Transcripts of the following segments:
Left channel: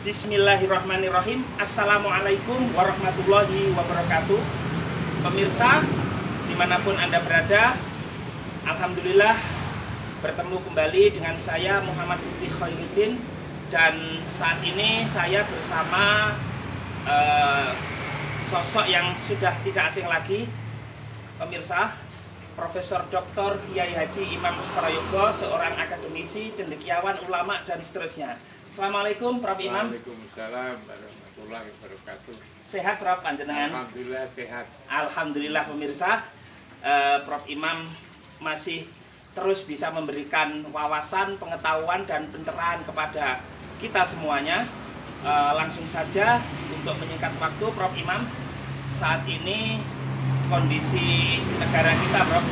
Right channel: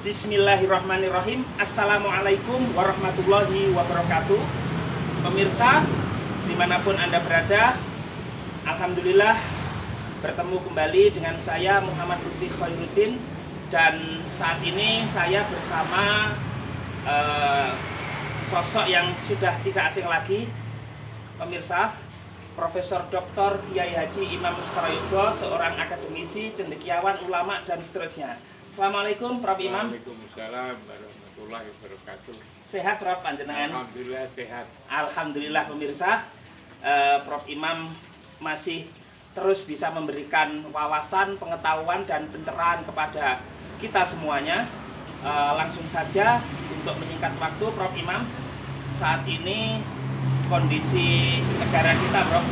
Bismillahirrahmanirrahim. Assalamualaikum warahmatullahi wabarakatuh. Pemirsa, dimanapun Anda berada, alhamdulillah bertemu kembali dengan saya Muhammad Lutfi Khairuddin. Dan saat ini saya bersama sosok yang sudah tidak asing lagi, pemirsa, Profesor Dr. Kiai Haji Imam Suprayogo, seorang akademisi, cendekiawan, ulama, dan seterusnya. Assalamualaikum Prof. Imam. Waalaikumsalam warahmatullahi wabarakatuh. Sehat Prof. Panjenengan? Alhamdulillah sehat. Alhamdulillah pemirsa, Prof. Imam masih terus bisa memberikan wawasan, pengetahuan, dan pencerahan kepada kita semuanya. Langsung saja untuk menyingkat waktu, Prof. Imam, saat ini kondisi negara kita, Prof,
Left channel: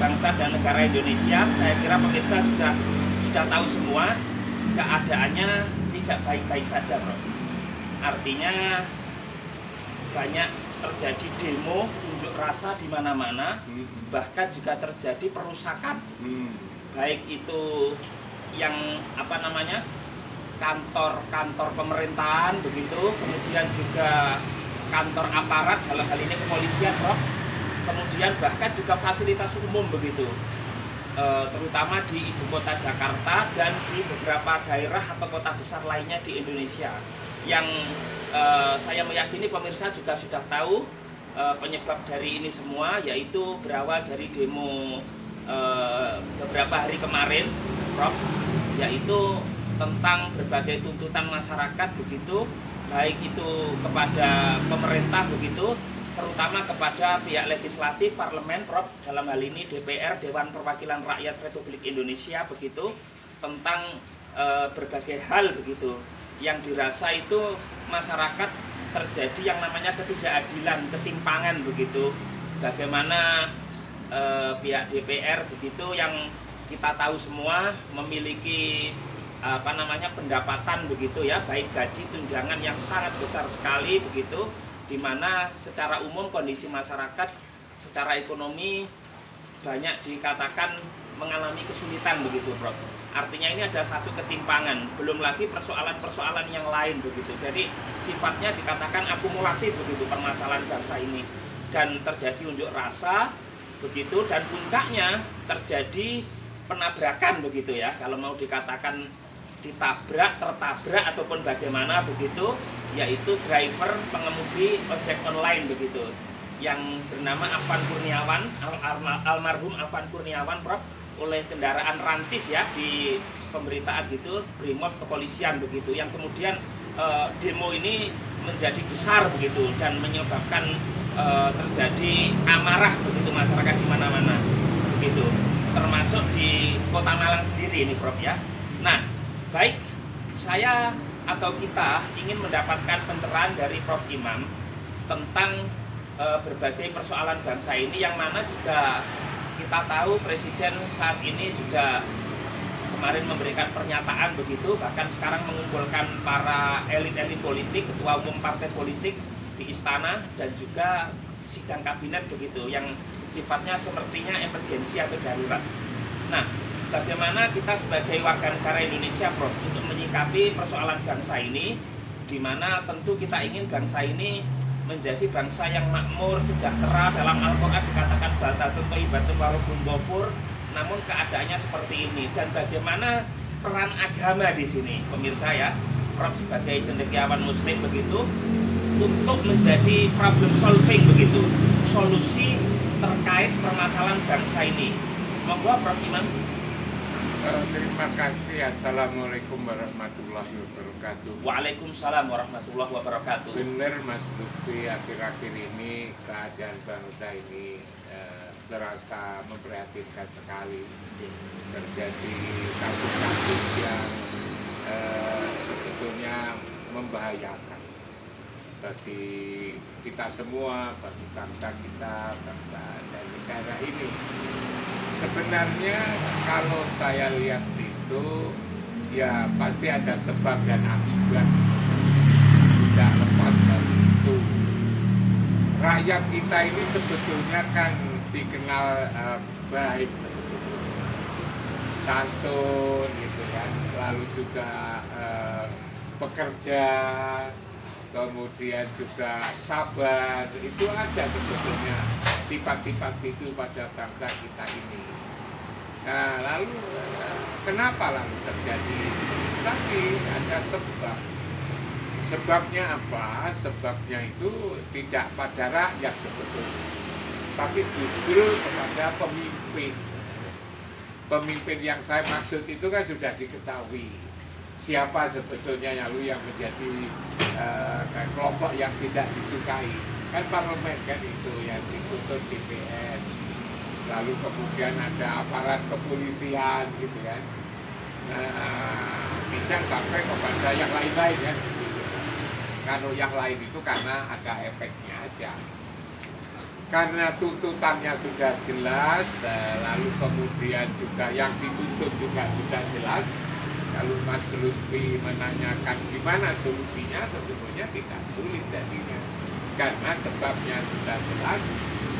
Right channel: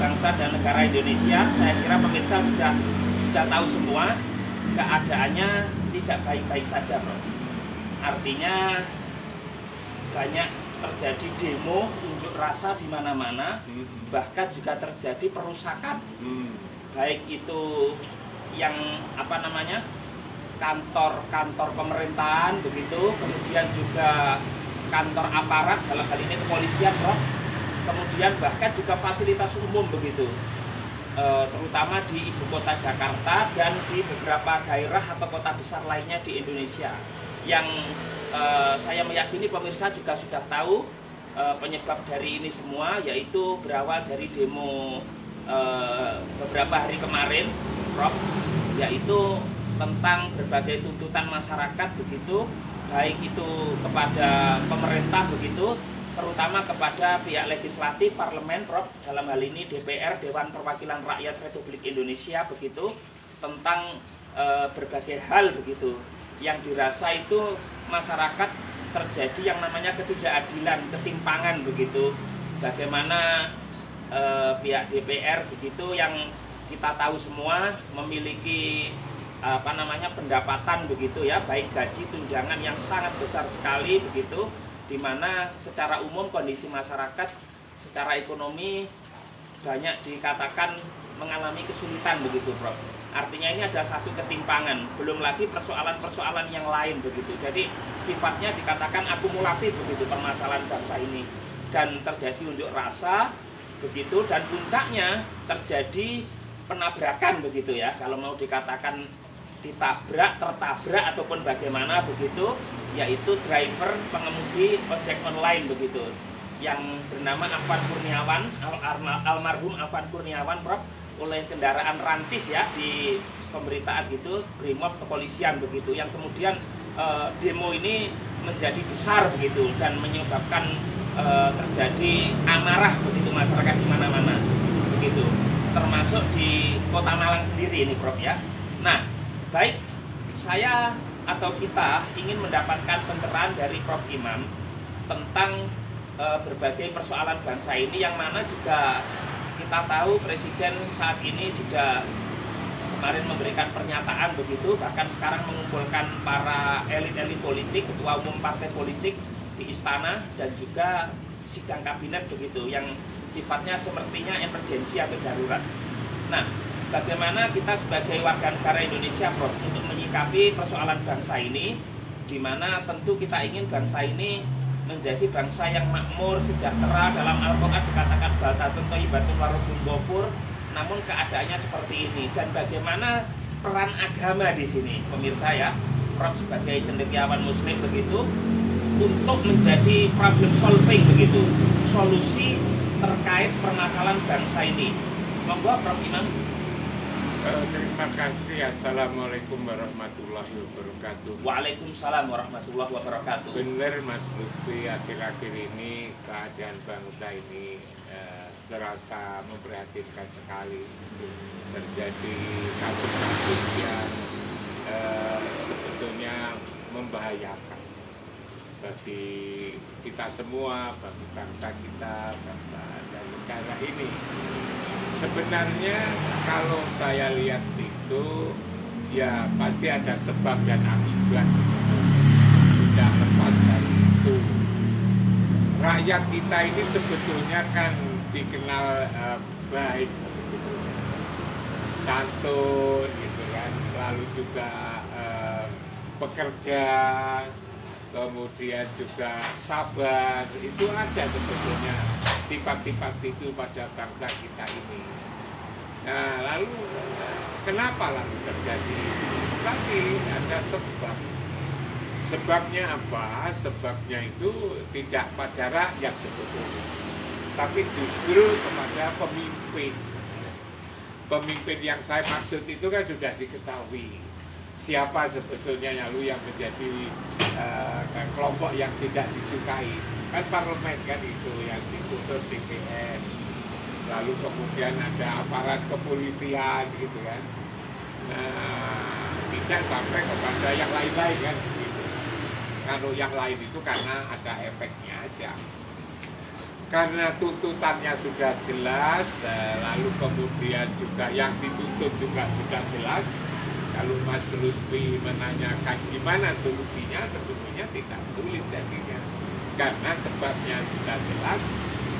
bangsa dan negara Indonesia, saya kira pemirsa sudah tahu semua, keadaannya tidak baik-baik saja, Prof. Artinya banyak terjadi demo, unjuk rasa di mana-mana, bahkan juga terjadi perusakan, baik itu yang kantor-kantor pemerintahan begitu, kemudian juga kantor aparat, dalam hal ini kepolisian, Prof. Kemudian bahkan juga fasilitas umum begitu, terutama di ibu kota Jakarta dan di beberapa daerah atau kota besar lainnya di Indonesia. Yang saya meyakini pemirsa juga sudah tahu penyebab dari ini semua, yaitu berawal dari demo beberapa hari kemarin, Prof, yaitu tentang berbagai tuntutan masyarakat begitu, baik itu kepada pemerintah begitu, terutama kepada pihak legislatif, parlemen, Prof, dalam hal ini DPR, Dewan Perwakilan Rakyat Republik Indonesia begitu, tentang berbagai hal begitu yang dirasa itu masyarakat terjadi yang namanya ketidakadilan, ketimpangan begitu. Bagaimana pihak DPR begitu yang kita tahu semua memiliki pendapatan begitu ya, baik gaji, tunjangan yang sangat besar sekali begitu, di mana secara umum kondisi masyarakat secara ekonomi banyak dikatakan mengalami kesulitan begitu, Prof. Artinya ini ada satu ketimpangan, belum lagi persoalan-persoalan yang lain begitu. Jadi sifatnya dikatakan akumulatif begitu permasalahan bangsa ini, dan terjadi unjuk rasa begitu, dan puncaknya terjadi penabrakan begitu ya, kalau mau dikatakan ditabrak, tertabrak ataupun bagaimana begitu, yaitu driver pengemudi ojek online begitu, yang bernama Afan Kurniawan, almarhum Afan Kurniawan, Prof, oleh kendaraan rantis ya, di pemberitaan gitu, Brimob kepolisian begitu, yang kemudian demo ini menjadi besar begitu dan menyebabkan terjadi amarah begitu masyarakat di mana-mana begitu, termasuk di Kota Malang sendiri ini, Prof ya. Nah, baik, saya atau kita ingin mendapatkan pencerahan dari Prof Imam tentang berbagai persoalan bangsa ini, yang mana juga kita tahu Presiden saat ini sudah kemarin memberikan pernyataan begitu, bahkan sekarang mengumpulkan para elit-elit politik, ketua umum partai politik di istana, dan juga sidang kabinet begitu, yang sifatnya sepertinya emergensi atau darurat. Nah, bagaimana kita sebagai warga negara Indonesia, Prof, untuk menyikapi persoalan bangsa ini, di mana tentu kita ingin bangsa ini menjadi bangsa yang makmur, sejahtera. Dalam Al-Quran dikatakan batatun thayyibatun wa rabbun ghafur, namun keadaannya seperti ini. Dan bagaimana peran agama di sini, pemirsa ya, Prof sebagai cendekiawan muslim begitu, untuk menjadi problem solving begitu, solusi terkait permasalahan bangsa ini. Monggo Prof Imam. Terima kasih. Assalamualaikum warahmatullahi wabarakatuh. Waalaikumsalam warahmatullahi wabarakatuh. Benar Mas Lutfi, akhir-akhir ini keadaan bangsa ini terasa memprihatinkan sekali. Terjadi kasus-kasus yang sebetulnya membahayakan bagi kita semua, bagi bangsa kita, bangsa dan negara ini. Sebenarnya kalau saya lihat itu ya pasti ada sebab dan akibat, tidak lepas dari itu. Rakyat kita ini sebetulnya kan dikenal baik, santun gitu kan, lalu juga pekerja, kemudian juga sabar, itu ada sebetulnya sifat-sifat itu pada bangsa kita ini. Nah, lalu kenapa lalu terjadi? Tapi ada sebab. Sebabnya apa? Sebabnya itu tidak pada rakyat sebetulnya, tapi justru kepada pemimpin. Pemimpin yang saya maksud itu kan sudah diketahui siapa sebetulnya yang menjadi kelompok yang tidak disukai. Kan parlemen kan itu yang dituntut DPR. Lalu kemudian ada aparat kepolisian gitu kan. Nah, tidak sampai kepada yang lain-lain kan gitu. Kalau yang lain itu karena ada efeknya aja. Karena tuntutannya sudah jelas, lalu kemudian juga yang dituntut juga sudah jelas. Kalau Mas Lutfi menanyakan gimana solusinya, sebetulnya tidak sulit jadinya. Karena sebabnya sudah jelas,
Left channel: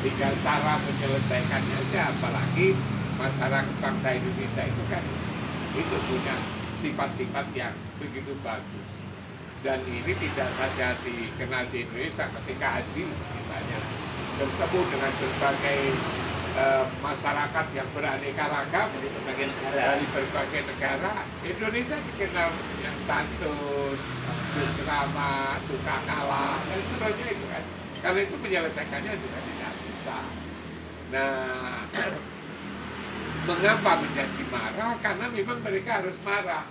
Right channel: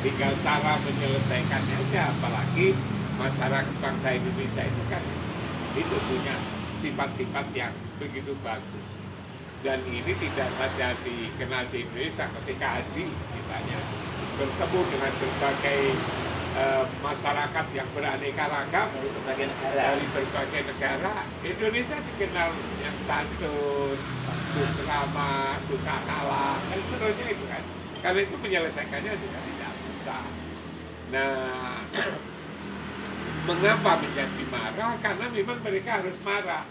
tinggal cara menyelesaikannya aja. Apalagi masyarakat bangsa Indonesia itu kan itu punya sifat-sifat yang begitu bagus. Dan ini tidak saja dikenal di Indonesia ketika haji misalnya bertemu dengan berbagai masyarakat yang beraneka ragam dari berbagai negara. Indonesia dikenal yang santun, ramah, suka kalah, dan seterusnya itu kan. Karena itu menyelesaikannya juga tidak susah. Nah, mengapa menjadi marah? Karena memang mereka harus marah.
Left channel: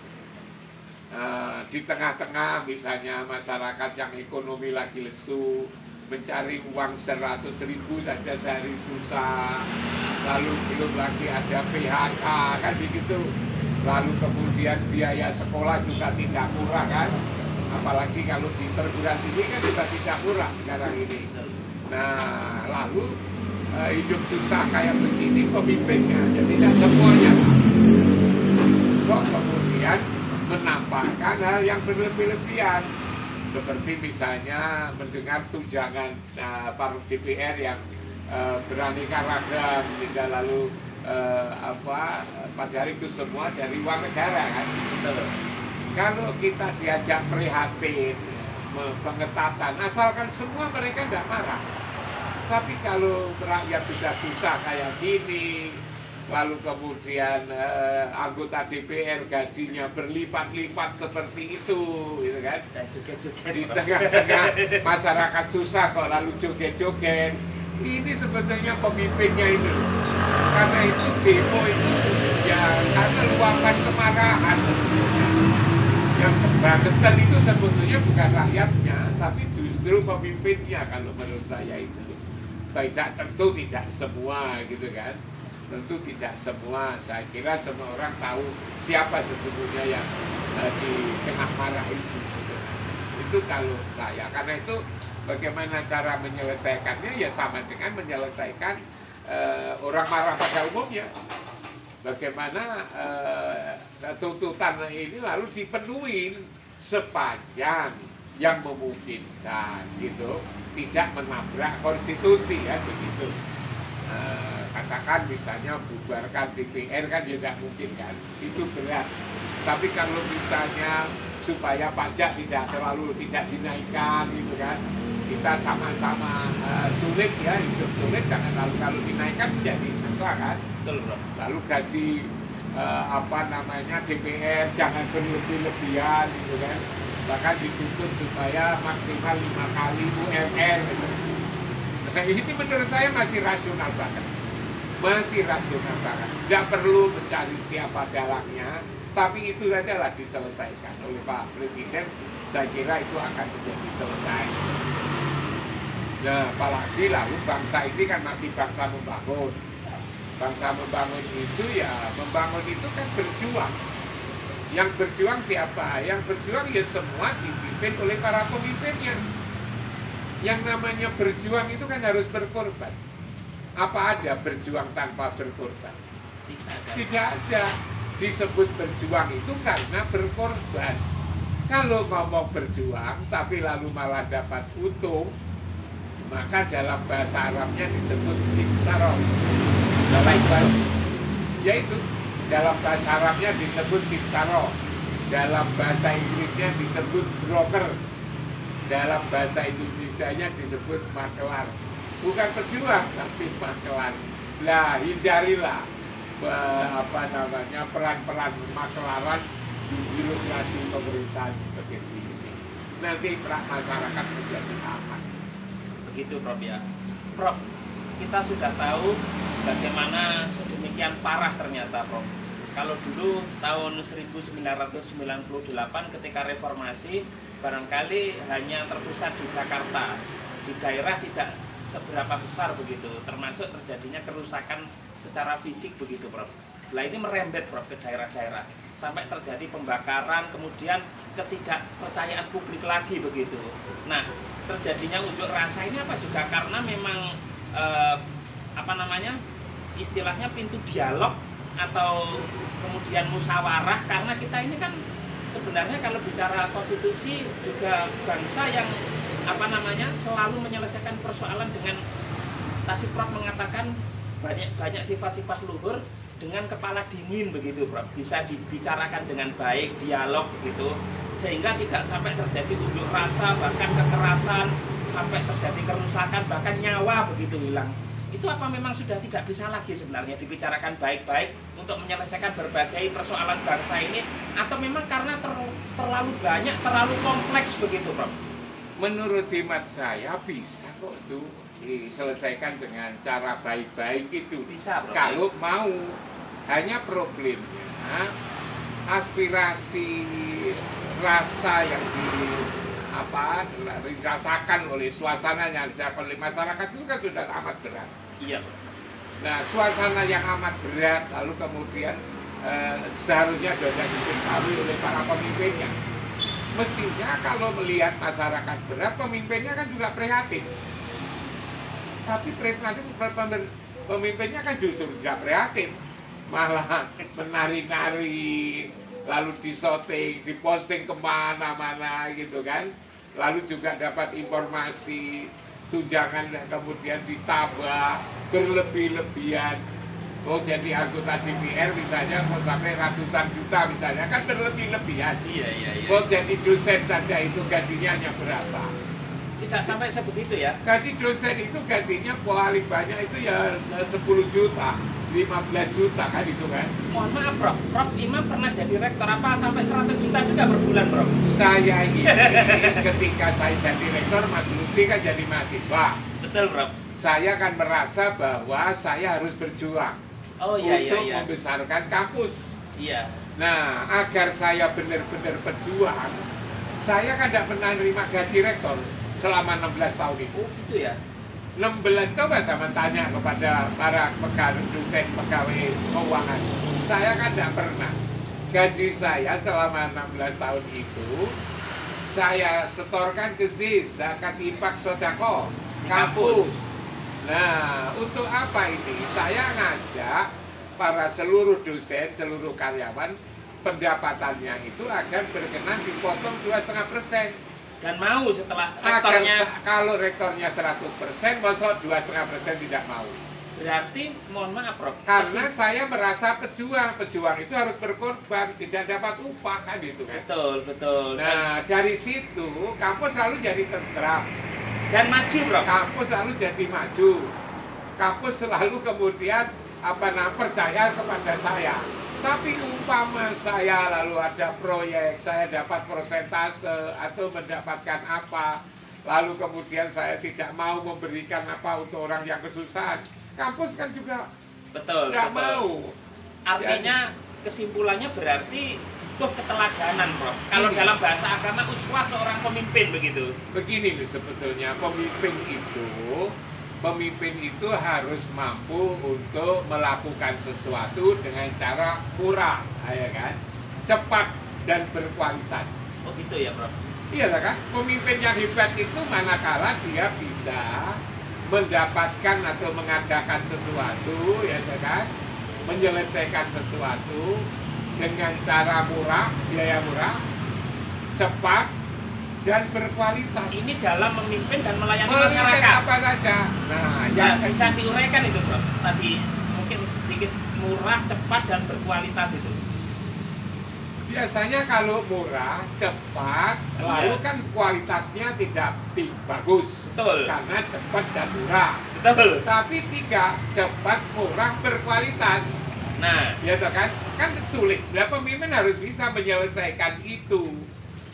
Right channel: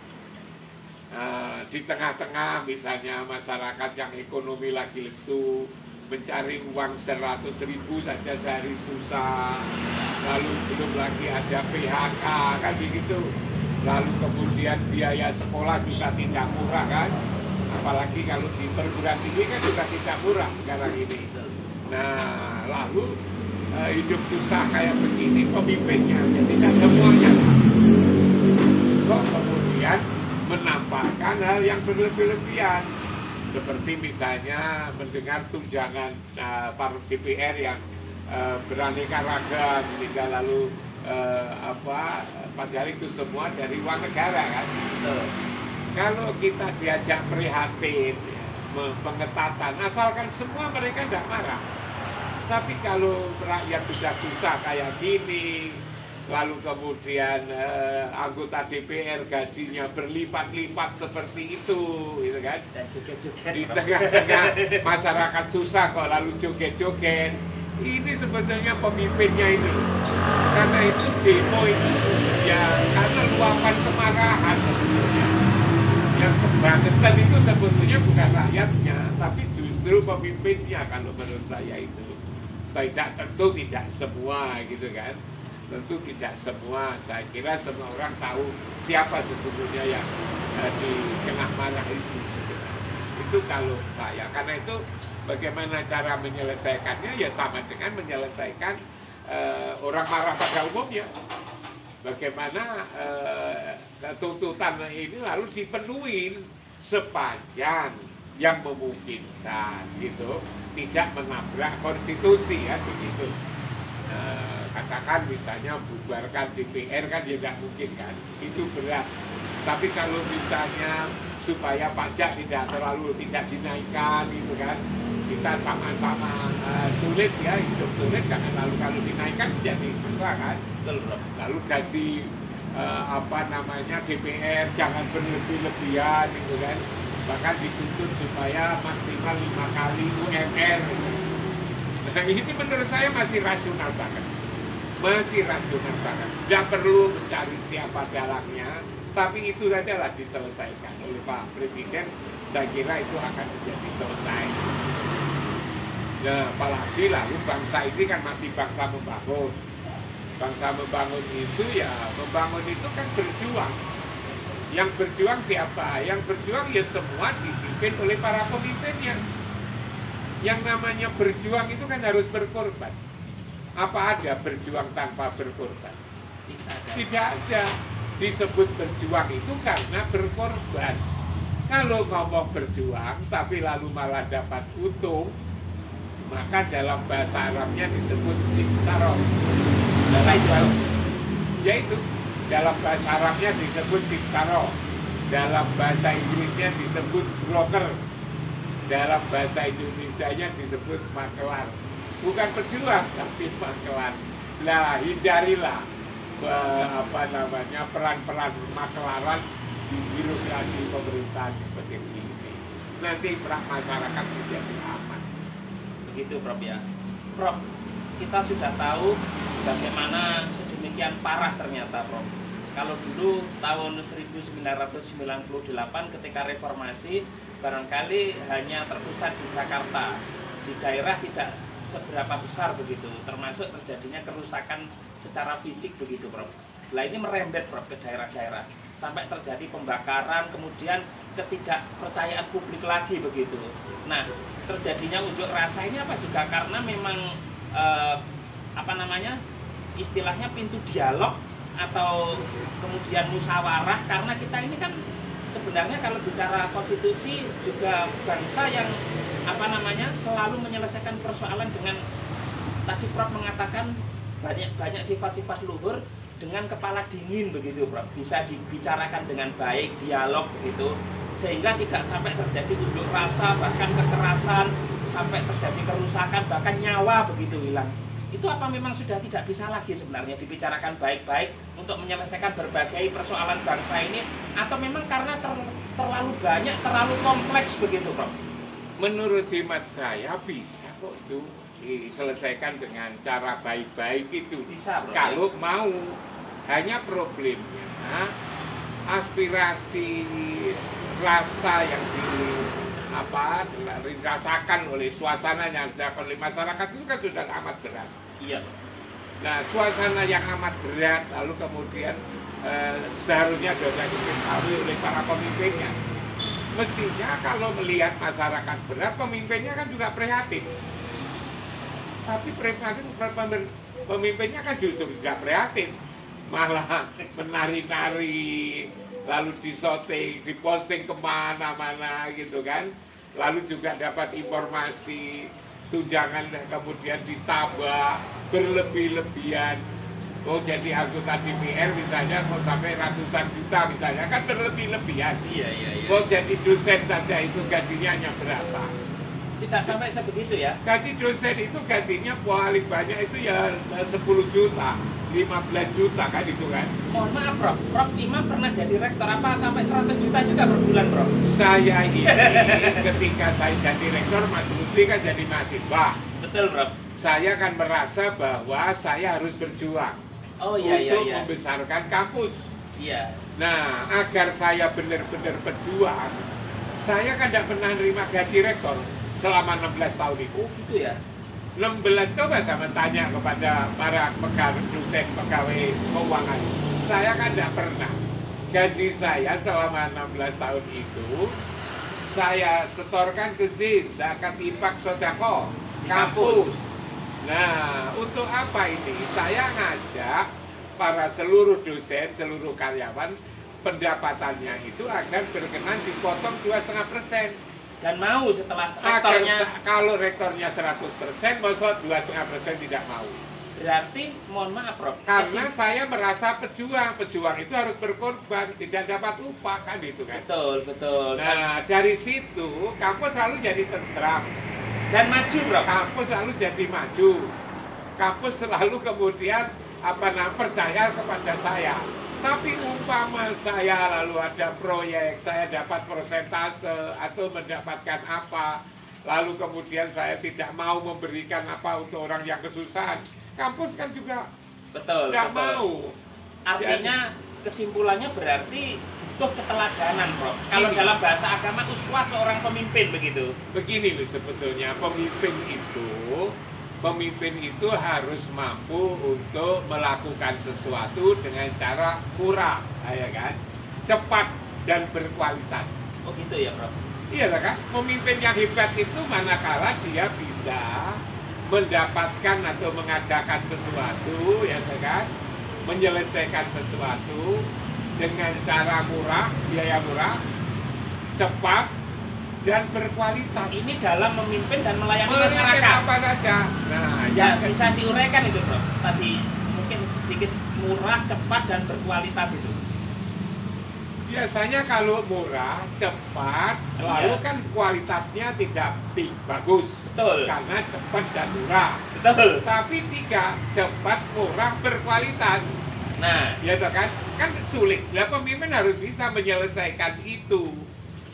Di tengah-tengah misalnya masyarakat yang ekonomi lagi lesu, mencari uang 100.000 saja sehari susah, lalu belum lagi ada PHK kan begitu, lalu kemudian biaya sekolah juga tidak murah kan, apalagi kalau di perguruan tinggi kan juga tidak murah sekarang ini. Nah, lalu hidup susah kayak begini pemimpinnya, ya tidak semuanya lah. Kok kemudian menampakkan hal yang berlebih-lebihan, seperti misalnya mendengar tunjangan para DPR yang beraneka ragam, hingga lalu padahal itu semua dari uang negara kan. Kalau kita diajak prihatin, pengetatan, asalkan semua mereka tidak marah. Tapi kalau rakyat sudah susah kayak gini, lalu kemudian anggota DPR gajinya berlipat-lipat seperti itu, gitu kan? Di tengah-tengah masyarakat susah kok lalu joget-joget. Ini sebetulnya pemimpinnya itu. Karena itu demo itu ya karena luapan kemarahan sebetulnya. Yang kebangetan itu sebetulnya bukan rakyatnya, tapi justru pemimpinnya kalau menurut saya itu. Tidak, tentu tidak semua gitu kan. Tentu tidak semua, saya kira semua orang tahu siapa sebetulnya yang dikena marah itu. Itu kalau saya, karena itu bagaimana cara menyelesaikannya ya sama dengan menyelesaikan orang marah pada umumnya. Bagaimana tuntutan ini lalu dipenuhi sepanjang yang memungkinkan gitu, tidak menabrak konstitusi kan begitu. Katakan misalnya bubarkan DPR kan juga mungkin kan, itu berat. Tapi kalau misalnya supaya pajak tidak dinaikkan gitu kan, kita sama-sama sulit ya, hidup sulit, jangan lalu dinaikkan menjadi susah kan. Lalu gaji DPR jangan berlebih-lebihan gitu kan, bahkan dituntut supaya maksimal 5 kali UMR gitu. Nah ini menurut saya masih rasional banget. Tidak perlu mencari siapa dalangnya, tapi itu adalah diselesaikan oleh Pak Presiden. Saya kira itu akan menjadi selesai. Nah, apalagi lalu bangsa ini kan masih bangsa membangun. Bangsa membangun itu ya, membangun itu kan berjuang. Yang berjuang siapa? Yang berjuang ya semua dipimpin oleh para pemimpinnya. Yang namanya berjuang itu kan harus berkorban. Apa ada berjuang tanpa berkorban? Tidak ada. Disebut berjuang itu karena berkorban. Kalau ngomong berjuang tapi lalu malah dapat untung, maka dalam bahasa Arabnya disebut simsaroh. Yaitu dalam bahasa Arabnya disebut simsaroh. dalam bahasa Inggrisnya disebut broker, dalam bahasa Indonesianya disebut makelar. Bukan pejuang, tapi makelar. Nah, hindarilah peran-peran makelaran di birokrasi pemerintahan seperti ini. Nanti masyarakat menjadi aman. Begitu, Prof ya. Prof, kita sudah tahu bagaimana sedemikian parah ternyata, Prof. Kalau dulu tahun 1998 ketika reformasi barangkali hanya terpusat di Jakarta, di daerah tidak seberapa besar begitu, termasuk terjadinya kerusakan secara fisik begitu, Prof. Nah, ini merembet, Prof, ke daerah-daerah sampai terjadi pembakaran, kemudian ketidakpercayaan publik lagi begitu. Nah, terjadinya unjuk rasa ini apa juga karena memang istilahnya pintu dialog atau kemudian musyawarah, karena kita ini kan sebenarnya kalau bicara konstitusi juga bangsa yang selalu menyelesaikan persoalan dengan, tadi Prof mengatakan banyak sifat-sifat luhur dengan kepala dingin begitu, Prof. Bisa dibicarakan dengan baik, dialog begitu, sehingga tidak sampai terjadi unjuk rasa, bahkan kekerasan, sampai terjadi kerusakan, bahkan nyawa begitu hilang. Itu apa memang sudah tidak bisa lagi sebenarnya dibicarakan baik-baik untuk menyelesaikan berbagai persoalan bangsa ini, atau memang karena terlalu banyak, terlalu kompleks begitu, Prof? Menurut hemat saya bisa kok itu diselesaikan dengan cara baik-baik itu. Bisa, Prof, kalau ya? Mau. Hanya problemnya aspirasi rasa yang dirasakan oleh suasana yang dirasakan oleh masyarakat itu kan sudah amat berat. Iya. Nah, suasana yang amat berat lalu kemudian seharusnya sudah diketahui oleh para pemimpinnya. Mestinya kalau melihat masyarakat berat, pemimpinnya kan juga prihatin. Tapi pemimpinnya kan justru tidak prihatin, malah menari-nari, lalu disoting, diposting kemana-mana gitu kan. Lalu juga dapat informasi tunjangan kemudian ditabah berlebih-lebihan. Oh, jadi anggota DPR misalnya kok sampai ratusan juta misalnya, kan berlebih-lebihan. Iya. Kok jadi dosen saja itu gajinya hanya berapa? Tidak sampai sebegitu ya? Gaji dosen itu gajinya paling banyak itu ya 10 juta, 15 juta kan itu kan. Mohon maaf, Prof. Prof Imam pernah jadi rektor apa sampai 100 juta juga per bulan, Prof? Saya ini ketika saya jadi rektor, Mas Lutfi kan jadi mahasiswa. Betul, Prof. Saya kan merasa bahwa saya harus berjuang untuk membesarkan kampus. Iya. Nah, agar saya benar-benar berjuang, saya kan tidak pernah menerima gaji rektor selama 16 tahun itu. Oh, gitu ya? 16 coba saya tanya kepada para pegawai dosen, pegawai keuangan. Saya kan tidak pernah. Gaji saya selama 16 tahun itu saya setorkan ke ZIS, zakat infak sodako, kampus. Nah, untuk apa ini? Saya ngajak para seluruh dosen, seluruh karyawan, pendapatannya itu agar berkenan dipotong 2,5%. Dan mau setelah rektornya, kalau rektornya 100%, masa 2,5% tidak mau. Berarti, mohon maaf, Prof, karena saya merasa pejuang itu harus berkorban, tidak dapat upah kan itu kan. Betul. Nah, dari situ kampus selalu jadi tentram dan maju, Prof. Kampus selalu jadi maju. Kampus selalu kemudian percaya kepada saya. Tapi umpama saya lalu ada proyek, saya dapat persentase atau mendapatkan apa, lalu kemudian saya tidak mau memberikan apa untuk orang yang kesusahan, kampus kan juga tidak mau. Artinya kesimpulannya berarti butuh keteladanan, Prof. Kalau dalam bahasa agama uswah seorang pemimpin begitu. Begini sebetulnya pemimpin itu harus mampu untuk melakukan sesuatu dengan cara murah, ya kan, cepat dan berkualitas. Oh gitu ya, Prof? Iya kan, pemimpin yang hebat itu manakala dia bisa mendapatkan atau mengadakan sesuatu, ya kan, menyelesaikan sesuatu dengan cara murah, biaya murah, cepat, dan berkualitas. Ini dalam memimpin dan melayani masyarakat. Apa saja. Nah, ya bisa diuraikan itu, Prof. Tadi mungkin sedikit murah, cepat, dan berkualitas itu. Biasanya kalau murah, cepat, lalu kan kualitasnya tidak bagus. Betul. Karena cepat dan murah. Betul. Tapi tidak cepat, murah, berkualitas. Nah, Ya toh kan? Kan sulit. Nah, pemimpin harus bisa menyelesaikan itu.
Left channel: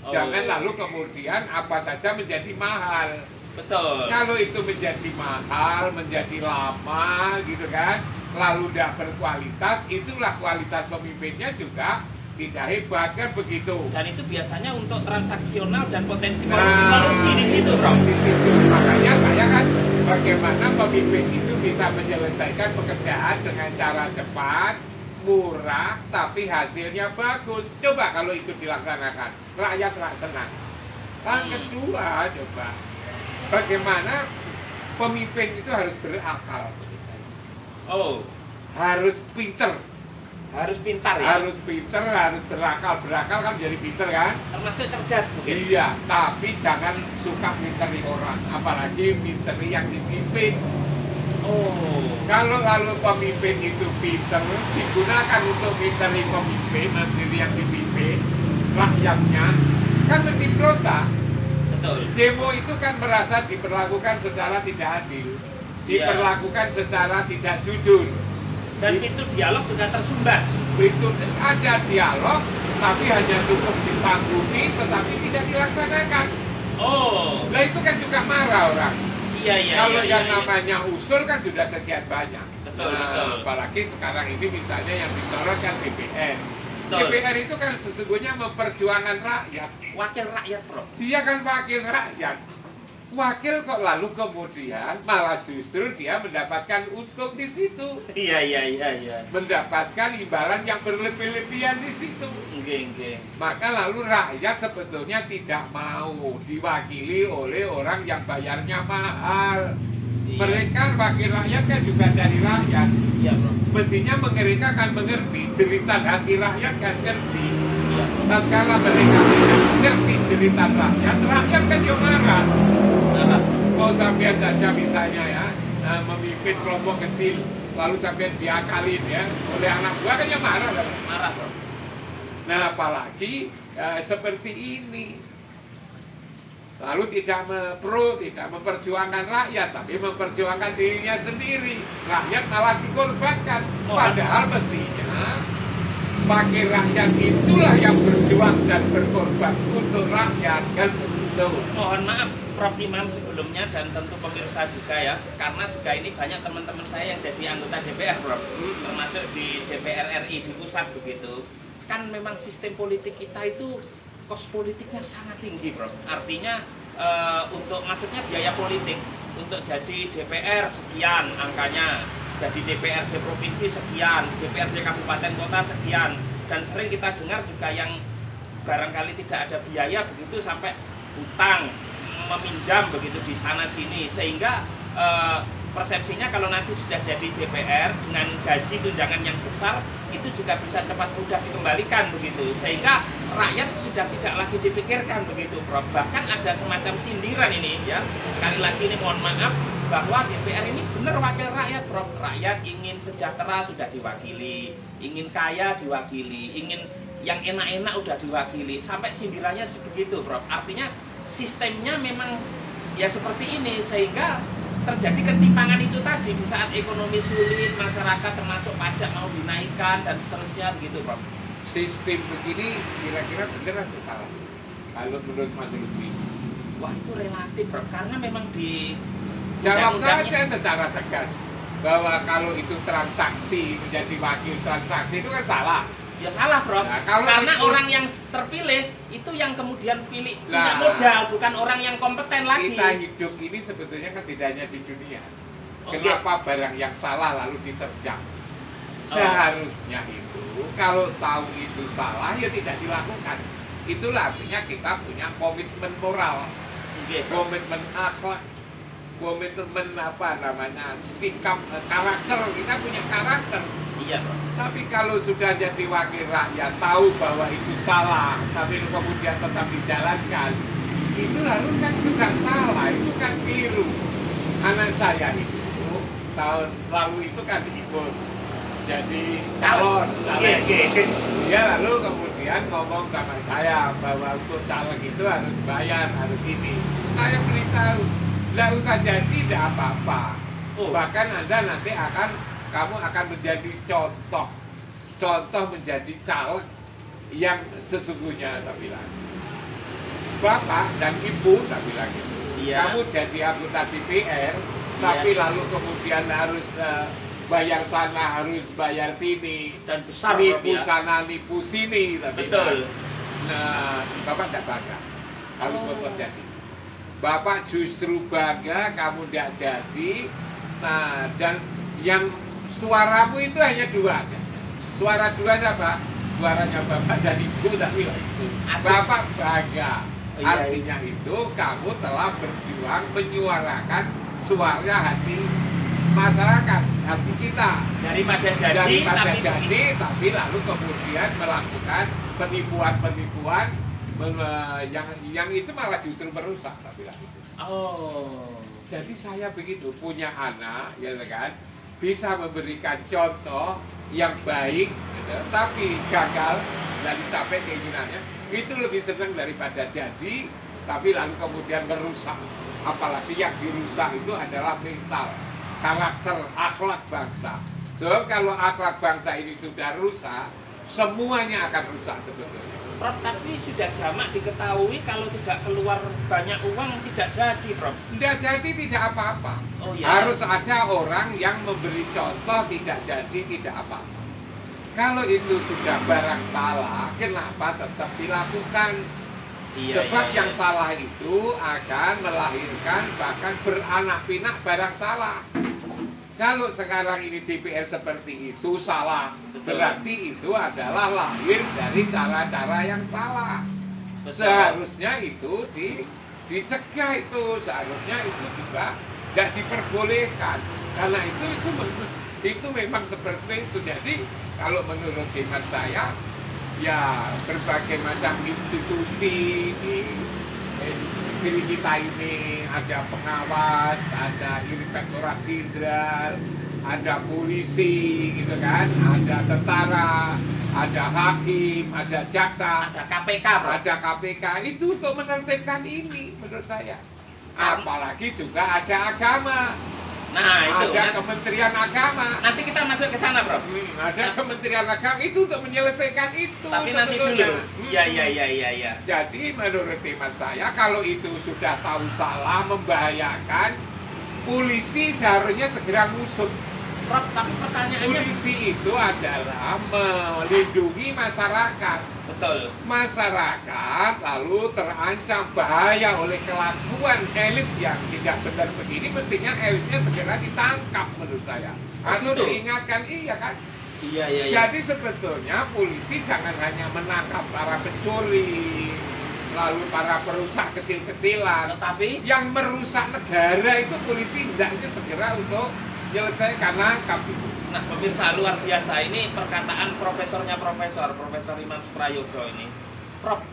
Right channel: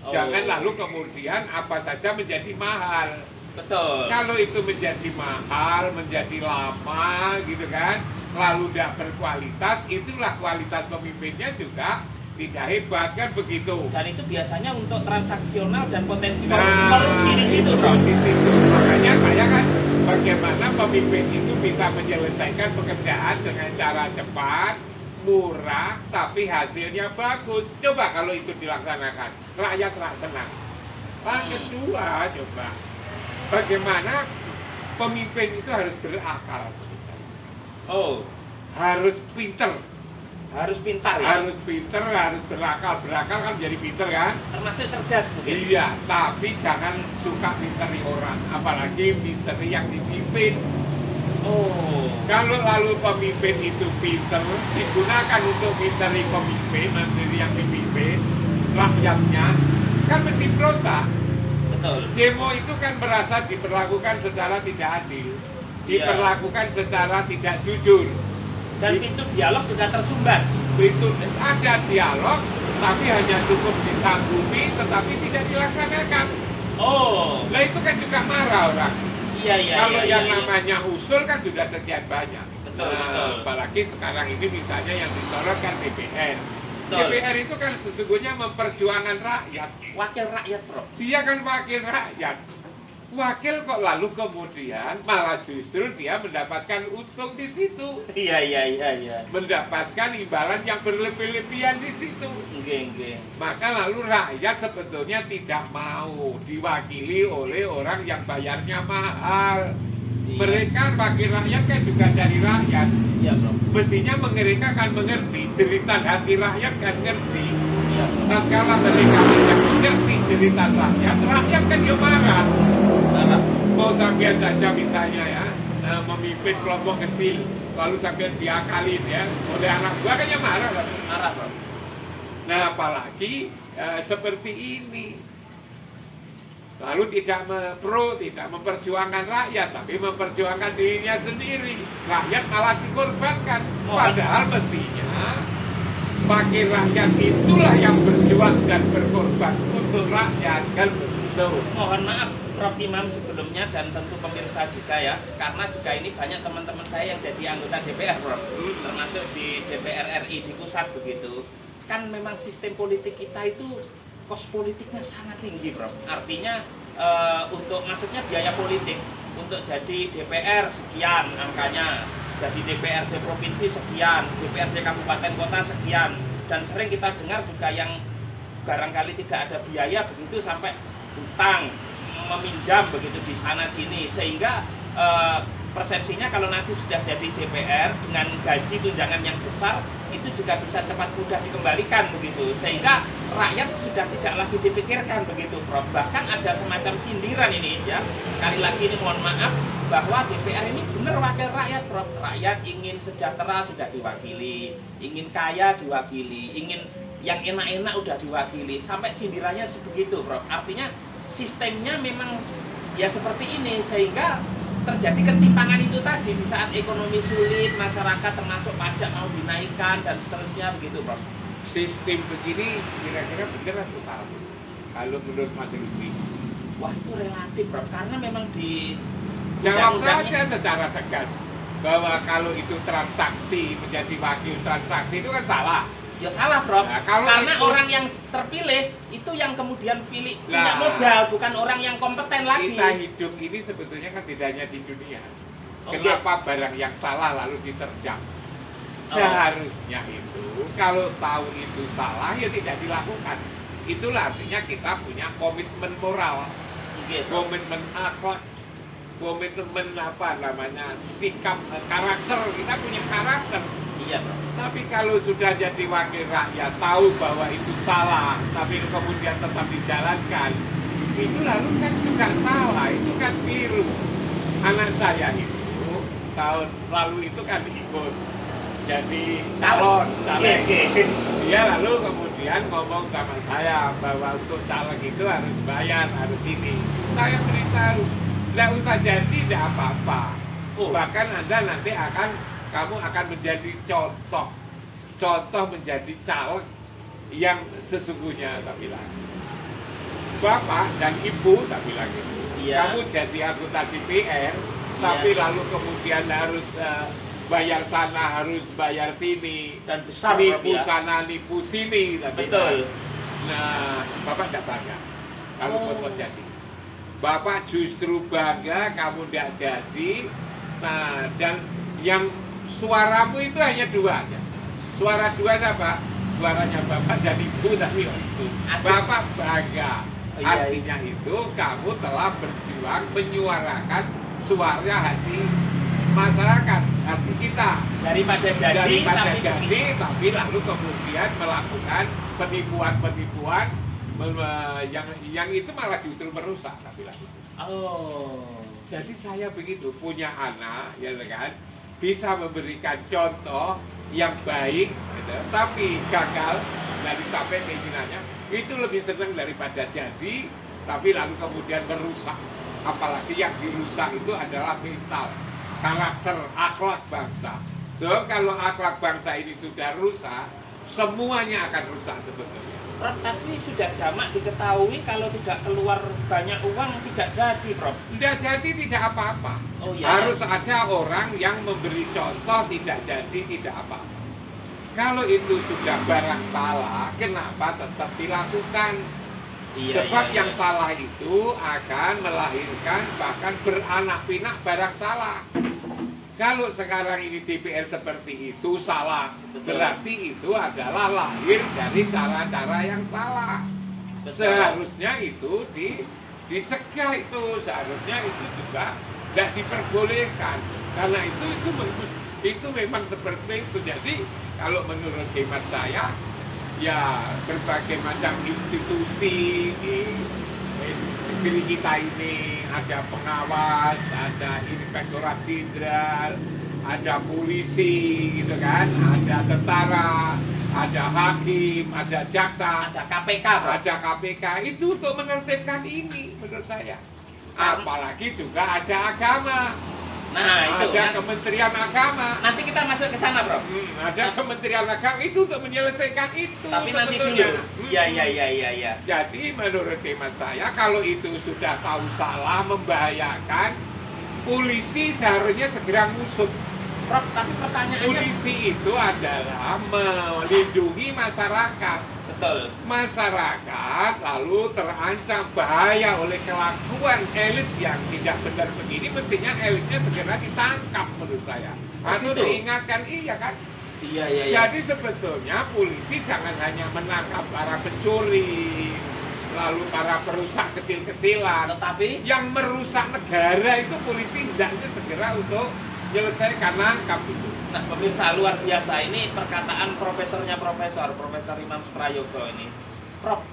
Jangan lalu kemudian apa saja menjadi mahal. betul. Kalau itu menjadi mahal, menjadi lama gitu kan, lalu tidak berkualitas, itulah kualitas pemimpinnya juga tidak hebat kan begitu. Dan itu biasanya untuk transaksional dan potensi Nah, korupsi di situ, Bro. di situ. Makanya saya kan bagaimana pemimpin itu bisa menyelesaikan pekerjaan dengan cara cepat, murah, tapi hasilnya bagus. Coba kalau itu dilaksanakan, rakyat senang. Yang kedua, coba bagaimana pemimpin itu harus berakal menurut saya. Oh, Harus pinter, harus pintar ya. harus pinter, harus berakal. Berakal kan jadi pinter kan? Termasuk cerdas mungkin. Iya, tapi jangan suka minteri orang, apalagi minteri yang dipimpin. Oh, Kalau lalu pemimpin itu pinter, digunakan untuk minteri pemimpin, menteri yang dipimpin, rakyatnya, kan mesti berontak. betul. Demo itu kan merasa diperlakukan secara tidak adil, diperlakukan secara tidak jujur. Dan pintu dialog juga tersumbat. Itu ada dialog, tapi hanya cukup disanggupi, tetapi tidak dilaksanakan. Oh, Nah itu kan juga marah orang. iya iya. Kalau iya, yang iya. namanya usul kan sudah sekian banyak. Betul, Nah, betul. apalagi sekarang ini misalnya yang disorot kan DPR. Betul. DPR itu kan sesungguhnya memperjuangkan rakyat. Wakil rakyat, Bro. Dia kan wakil rakyat. Wakil kok lalu kemudian malah justru dia mendapatkan untung di situ. Iya iya iya iya. Mendapatkan imbalan yang berlebih-lebihan di situ. Nggih. Maka lalu rakyat sebetulnya tidak mau diwakili oleh orang yang bayarnya mahal. Mereka wakil rakyat kan juga dari rakyat. Iya, Bro. Mestinya mereka kan mengerti jeritan hati rakyat kan ngerti. Iya, Bro. Tatkala mereka tidak mengerti jeritan rakyat, rakyat kan dia marah. Nah, Mau sampean saja misalnya ya, memimpin kelompok kecil, lalu sampean diakalin ya oleh anak buah kan ya marah. Kan? marah, Bro. Nah apalagi seperti ini. Lalu tidak tidak memperjuangkan rakyat, tapi memperjuangkan dirinya sendiri. Rakyat malah dikorbankan. Padahal mestinya wakil rakyat itulah yang berjuang dan berkorban untuk rakyat, kan begitu. Mohon maaf, Prof. Imam sebelumnya dan tentu pemirsa juga ya, karena juga ini banyak teman-teman saya yang jadi anggota DPR, Prof. Termasuk di DPR RI di pusat begitu. Kan memang sistem politik kita itu kos politiknya sangat tinggi, Bro. Artinya untuk maksudnya biaya politik untuk jadi DPR sekian angkanya, jadi DPRD provinsi sekian, DPRD kabupaten kota sekian, dan sering kita dengar juga yang barangkali tidak ada biaya begitu sampai hutang meminjam begitu di sana sini, sehingga persepsinya kalau nanti sudah jadi DPR dengan gaji tunjangan yang besar itu juga bisa cepat mudah dikembalikan begitu, sehingga rakyat sudah tidak lagi dipikirkan begitu, Prof. Bahkan ada semacam sindiran ini ya, sekali lagi ini mohon maaf bahwa DPR ini benar wakil rakyat, Prof. Rakyat ingin sejahtera sudah diwakili, ingin kaya diwakili, ingin yang enak-enak udah diwakili, sampai sindirannya sebegitu, Prof. Artinya sistemnya memang ya seperti ini, sehingga terjadi ketimpangan itu tadi di saat ekonomi sulit, masyarakat termasuk pajak mau dinaikkan dan seterusnya begitu, Prof. Sistem begini kira-kira benar atau salah? Kalau menurut Mas Lutfi, Wah, itu relatif, Prof. Karena memang di jawab undang-undangnya- saja secara tegas bahwa kalau itu transaksi menjadi wakil transaksi itu kan salah. Ya salah, Prof. Nah, kalau karena itu- orang yang terpilih itu yang kemudian punya Nah, modal, bukan orang yang kompeten lagi. Kita hidup ini sebetulnya kan tidak hanya di dunia. Oke. Kenapa barang yang salah lalu diterjang? Oh. Seharusnya itu kalau tahu itu salah ya tidak dilakukan. Itulah artinya kita punya komitmen moral, Oke, Prof. komitmen akhlak, komitmen apa namanya sikap karakter. Kita punya karakter. Iya, Prof. Tapi kalau sudah jadi wakil rakyat tahu bahwa itu salah, tapi kemudian tetap dijalankan, itu lalu kan juga salah, itu kan keliru. Anak saya itu tahun lalu itu kan ikut jadi calon, caleg. Oke. Dia lalu kemudian kemudian ngomong sama saya bahwa untuk caleg itu harus bayar, harus ini. Saya beritahu, nggak usah jadi, tidak apa-apa. Bahkan Anda nanti kamu akan menjadi contoh menjadi caleg yang sesungguhnya, tak bilang. Bapak dan Ibu, tak bilang gitu. Iya. Kamu jadi anggota DPR, tapi lalu kemudian harus bayar sana, harus bayar sini, dan besar, nipu ya. sana, nipu sini, tapi Betul. nah, Bapak tidak bangga kalau Boto jadi. Bapak justru bangga kamu tidak jadi. Nah, dan yang suaramu itu hanya dua, kan? Suara dua siapa? Suaranya Bapak dan Ibu, tapi Bapak bangga. Artinya itu kamu telah berjuang menyuarakan suara hati masyarakat, hati kita, daripada jadi, tapi lalu kemudian melakukan penipuan yang itu malah justru merusak, tapi lagi. Jadi saya begitu punya anak, ya kan, bisa memberikan contoh yang baik, gitu, tapi gagal dari capai keinginannya, itu lebih senang daripada jadi, tapi lalu kemudian merusak. Apalagi yang dirusak itu adalah mental, karakter, akhlak bangsa. So, kalau akhlak bangsa ini sudah rusak, semuanya akan rusak sebetulnya. Prof, tapi sudah jamak diketahui kalau tidak keluar banyak uang tidak jadi, Prof. Tidak jadi tidak apa-apa. Oh, iya. Harus ada orang yang memberi contoh, tidak jadi tidak apa-apa. Kalau itu sudah barang salah, kenapa tetap dilakukan? Iya, Sebab iya, yang iya. salah itu akan melahirkan bahkan beranak pinak barang salah. Kalau sekarang ini DPR seperti itu salah, berarti itu adalah lahir dari cara-cara yang salah. Betul. Seharusnya itu dicegah itu, seharusnya itu juga tidak diperbolehkan. Karena itu memang seperti itu. Jadi kalau menurut hemat saya, ya berbagai macam institusi di diri kita ini, ada pengawas, ada inspektorat jenderal, ada polisi, gitu kan, ada tentara, ada hakim, ada jaksa, Ada KPK, Prof. ada KPK, itu untuk menertibkan ini menurut saya. Apalagi juga ada agama. Nah, itu Ada kan. Kementerian Agama. Nanti kita masuk ke sana, Prof. Ada Kementerian Agama itu untuk menyelesaikan itu. Tapi nanti sebetulnya. dulu. Iya. Jadi menurut hemat saya kalau itu sudah tahu salah, membahayakan, polisi seharusnya segera ngusut. Prof, tapi pertanyaannya Polisi itu adalah melindungi masyarakat. betul. Masyarakat lalu terancam bahaya oleh kelakuan elit yang tidak benar begini, mestinya elitnya segera ditangkap menurut saya. Atau Betul. diingatkan, iya kan? Iya. Jadi sebetulnya polisi jangan hanya menangkap para pencuri, lalu para perusak kecil-kecilan. Tetapi Yang merusak negara itu polisi hendaknya segera untuk menyelesaikan, nangkap itu. nah, pemirsa luar biasa ini perkataan Profesor Imam Suprayogo ini. Prof.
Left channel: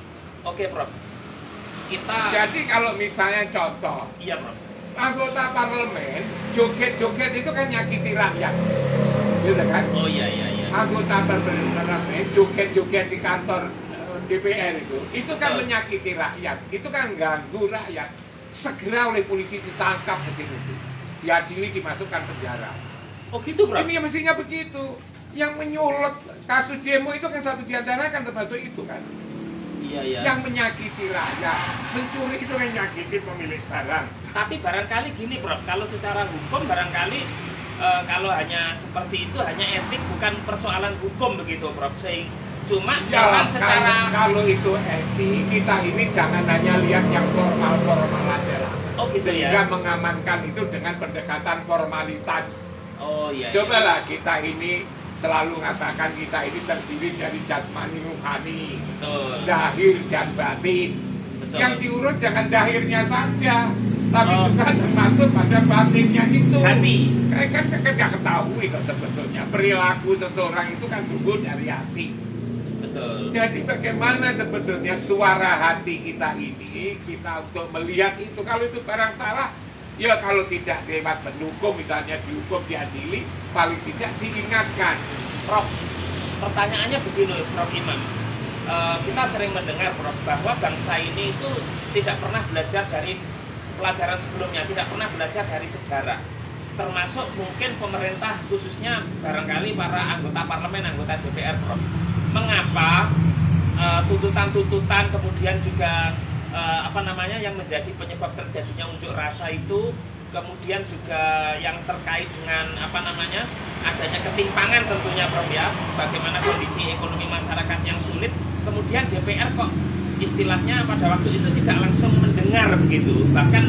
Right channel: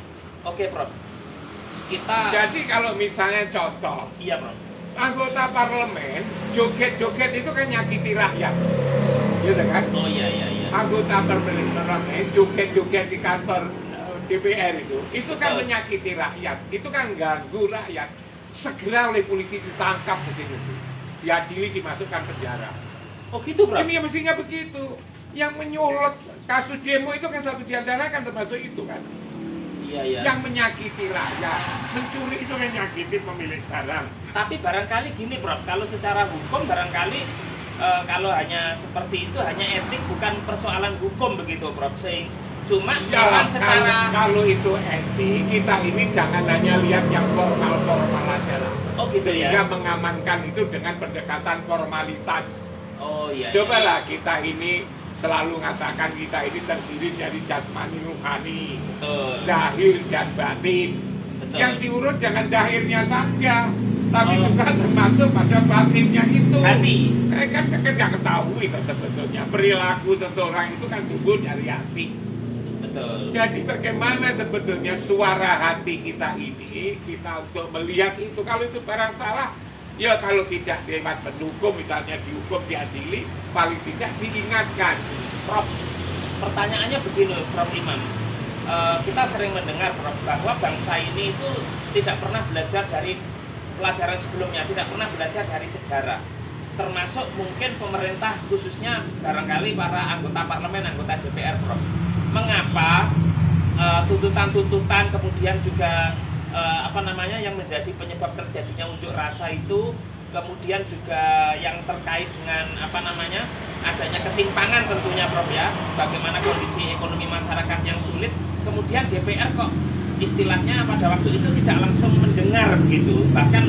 Oke, Prof. Kita Jadi kalau misalnya contoh, iya, Prof. anggota parlemen joget-joget itu kan nyakiti rakyat, gitu kan? Oh iya. Anggota parlemen joget-joget di kantor DPR itu kan Betul. menyakiti rakyat, itu kan ganggu rakyat. Segera oleh polisi ditangkap ke sini, diadili, dimasukkan penjara. Oh gitu, Prof. Ini ya mestinya begitu. Yang menyulut kasus demo itu kan satu di antara kan termasuk itu kan. Iya. Yang menyakiti rakyat, mencuri itu kan menyakiti pemilik barang. Tapi barangkali gini, Prof, kalau secara hukum barangkali kalau hanya seperti itu hanya etik, bukan persoalan hukum begitu, Prof. Cuma Ya, jangan secara kalau itu etik, kita ini jangan hanya lihat yang formal-formal aja lah. oh gitu Sehingga ya. mengamankan itu dengan pendekatan formalitas. Oh iya. Cobalah kita ini selalu mengatakan kita ini terdiri dari jasmani rohani, Betul. zahir dan batin. Betul. Yang diurut jangan zahirnya saja, tapi Oh. juga termasuk pada batinnya itu. Hati. Kan nggak ketahui kok sebetulnya perilaku seseorang itu kan tumbuh dari hati. Betul. Jadi bagaimana sebetulnya suara hati kita ini, kita untuk melihat itu, kalau itu barang salah, ya kalau tidak lewat pendukung, misalnya dihukum, diadili, paling tidak diingatkan. Prof, pertanyaannya begini, Prof Imam. kita sering mendengar Prof, bahwa bangsa ini itu tidak pernah belajar dari pelajaran sebelumnya, tidak pernah belajar dari sejarah. Termasuk mungkin pemerintah, khususnya barangkali para anggota parlemen, anggota DPR Prof. Mengapa tuntutan-tuntutan kemudian juga yang menjadi penyebab terjadinya unjuk rasa itu, kemudian juga yang terkait dengan adanya ketimpangan tentunya Prof ya, bagaimana kondisi ekonomi masyarakat yang sulit, kemudian DPR kok istilahnya pada waktu itu tidak langsung mendengar begitu, bahkan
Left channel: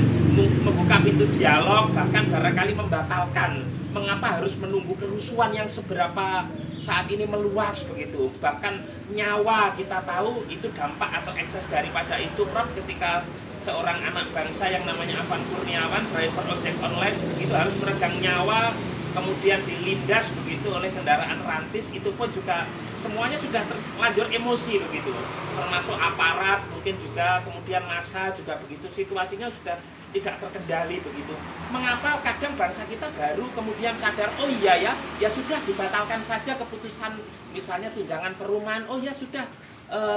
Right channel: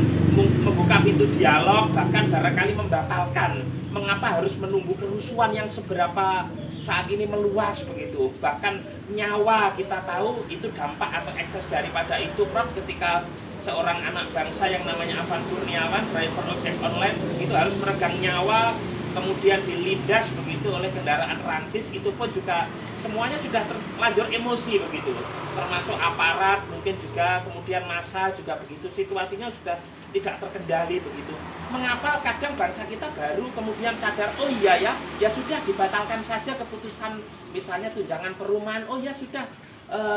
membuka pintu dialog, bahkan barangkali membatalkan. Mengapa harus menunggu kerusuhan yang seberapa saat ini meluas begitu, bahkan nyawa kita tahu itu dampak atau ekses daripada itu Prof, ketika seorang anak bangsa yang namanya Afan Kurniawan, driver ojek online, itu harus meregang nyawa, kemudian dilindas begitu oleh kendaraan rantis, itu pun juga semuanya sudah terlanjur emosi begitu, termasuk aparat mungkin juga, kemudian massa juga begitu, situasinya sudah tidak terkendali begitu. Mengapa kadang bangsa kita baru kemudian sadar, oh iya ya sudah dibatalkan saja keputusan misalnya tunjangan perumahan, oh ya sudah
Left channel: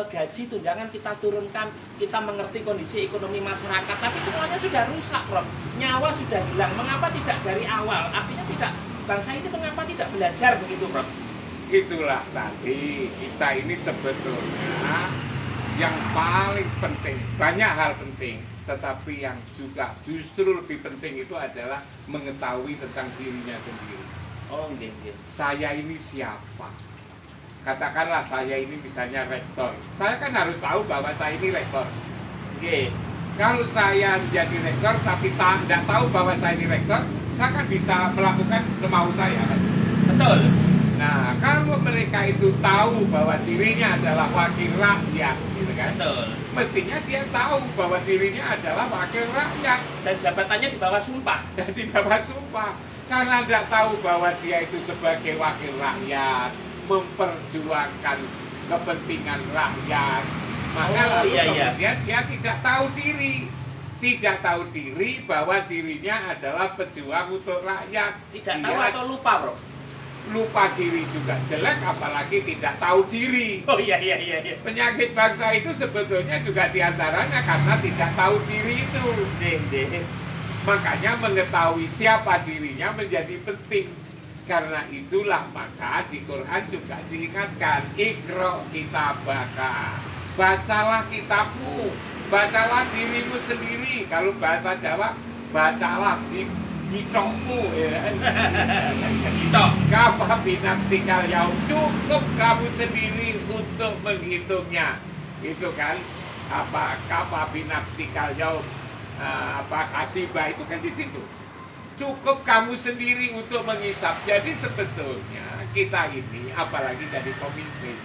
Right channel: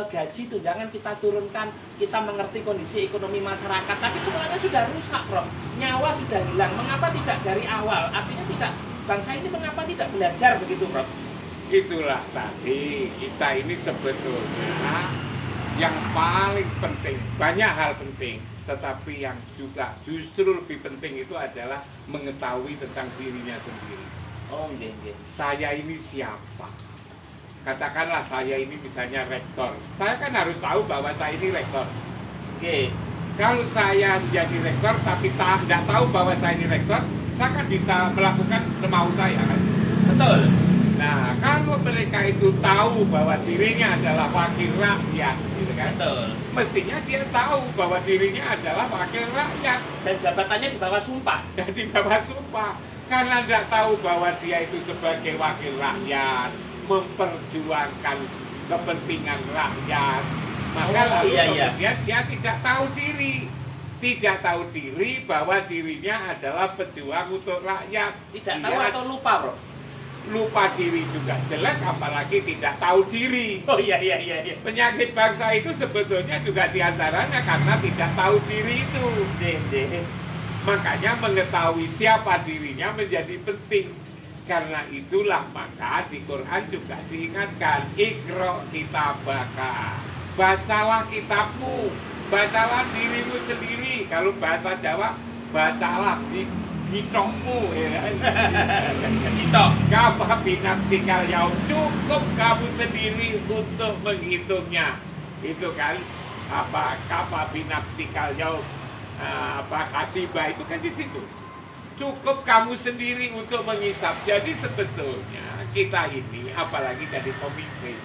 gaji tunjangan kita turunkan, kita mengerti kondisi ekonomi masyarakat, tapi semuanya sudah rusak Prof, nyawa sudah hilang. Mengapa tidak dari awal? Artinya tidak, bangsa ini mengapa tidak belajar begitu Prof? Itulah tadi, kita ini sebetulnya yang paling penting, banyak hal penting, tetapi yang juga justru lebih penting itu adalah mengetahui tentang dirinya sendiri. Oh iya. Saya ini siapa? Katakanlah saya ini misalnya rektor, saya kan harus tahu bahwa saya ini rektor. Iya. Kalau saya menjadi rektor tapi tidak tahu bahwa saya ini rektor, saya kan bisa melakukan semau saya kan. Betul. Nah, kalau mereka itu tahu bahwa dirinya adalah wakil rakyat, gitu kan? Betul. Mestinya dia tahu bahwa dirinya adalah wakil rakyat. Dan jabatannya di bawah sumpah. Dan di bawah sumpah. Karena tidak tahu bahwa dia itu sebagai wakil rakyat, memperjuangkan kepentingan rakyat. Maka kemudian dia tidak tahu diri. Tidak tahu diri bahwa dirinya adalah pejuang untuk rakyat. Tidak tahu atau lupa Bro? Lupa diri juga jelek, apalagi tidak tahu diri. Oh iya. Penyakit bangsa itu sebetulnya juga diantaranya karena tidak tahu diri itu. Makanya mengetahui siapa dirinya menjadi penting. Karena itulah maka di Quran juga diingatkan, Iqra kitabaka, bacalah kitabmu, bacalah dirimu sendiri. Kalau bahasa Jawa, bacalah hitungmu, kafa binafsikal yaum, cukup kamu sendiri untuk menghitungnya. Itu kan kafa binafsikal yaum, kasibah itu kan di situ. Cukup kamu sendiri untuk menghisap. Jadi sebetulnya kita ini, apalagi jadi pemimpin,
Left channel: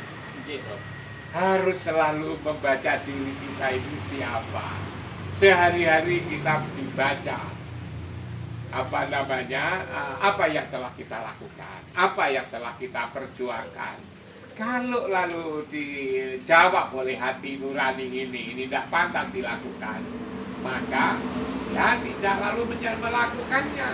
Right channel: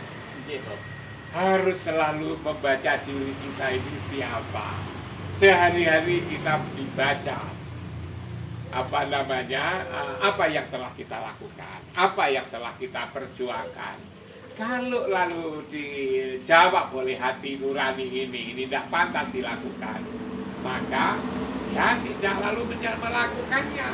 harus selalu membaca diri kita ini siapa. Sehari-hari kita dibaca apa yang telah kita lakukan, apa yang telah kita perjuangkan. Kalau lalu dijawab oleh hati nurani ini tidak pantas dilakukan, maka ya tidak lalu melakukannya.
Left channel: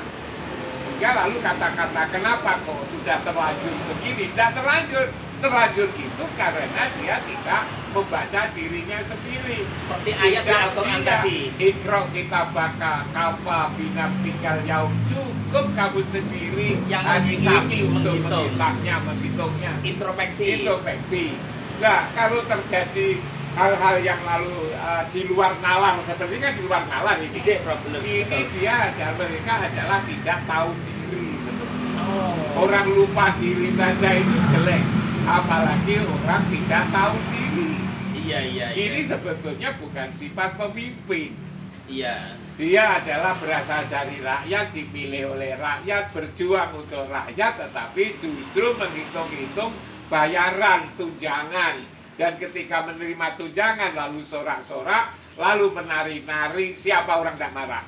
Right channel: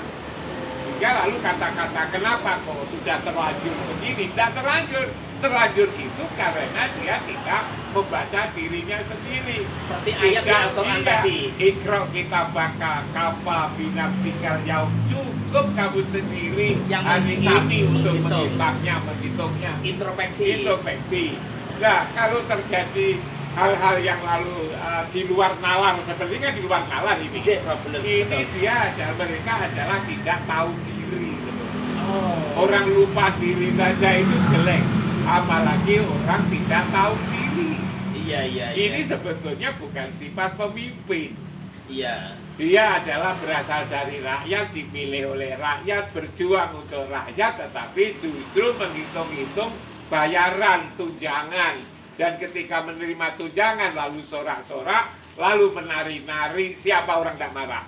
Hingga lalu kata-kata kenapa kok sudah terlanjur begini, tidak terlanjur. Terlanjur itu karena dia tidak membaca dirinya sendiri. Seperti ayat di Al-Quran tadi. Iqra kitabaka kafa binafsikal yaum, cukup kamu sendiri yang hari ini untuk menghitungnya. Introspeksi. Nah, kalau terjadi hal-hal yang lalu di luar nalar, sepertinya di luar nalar ini. Ini dia mereka adalah tidak tahu diri sebetulnya. Orang lupa diri saja itu jelek, apalagi orang tidak tahu diri. Iya. Ini sebetulnya bukan sifat pemimpin. Iya. Dia adalah berasal dari rakyat, dipilih oleh rakyat, berjuang untuk rakyat, tetapi justru menghitung-hitung bayaran tunjangan. Dan ketika menerima tunjangan lalu sorak-sorak, lalu menari-nari, siapa orang tidak marah?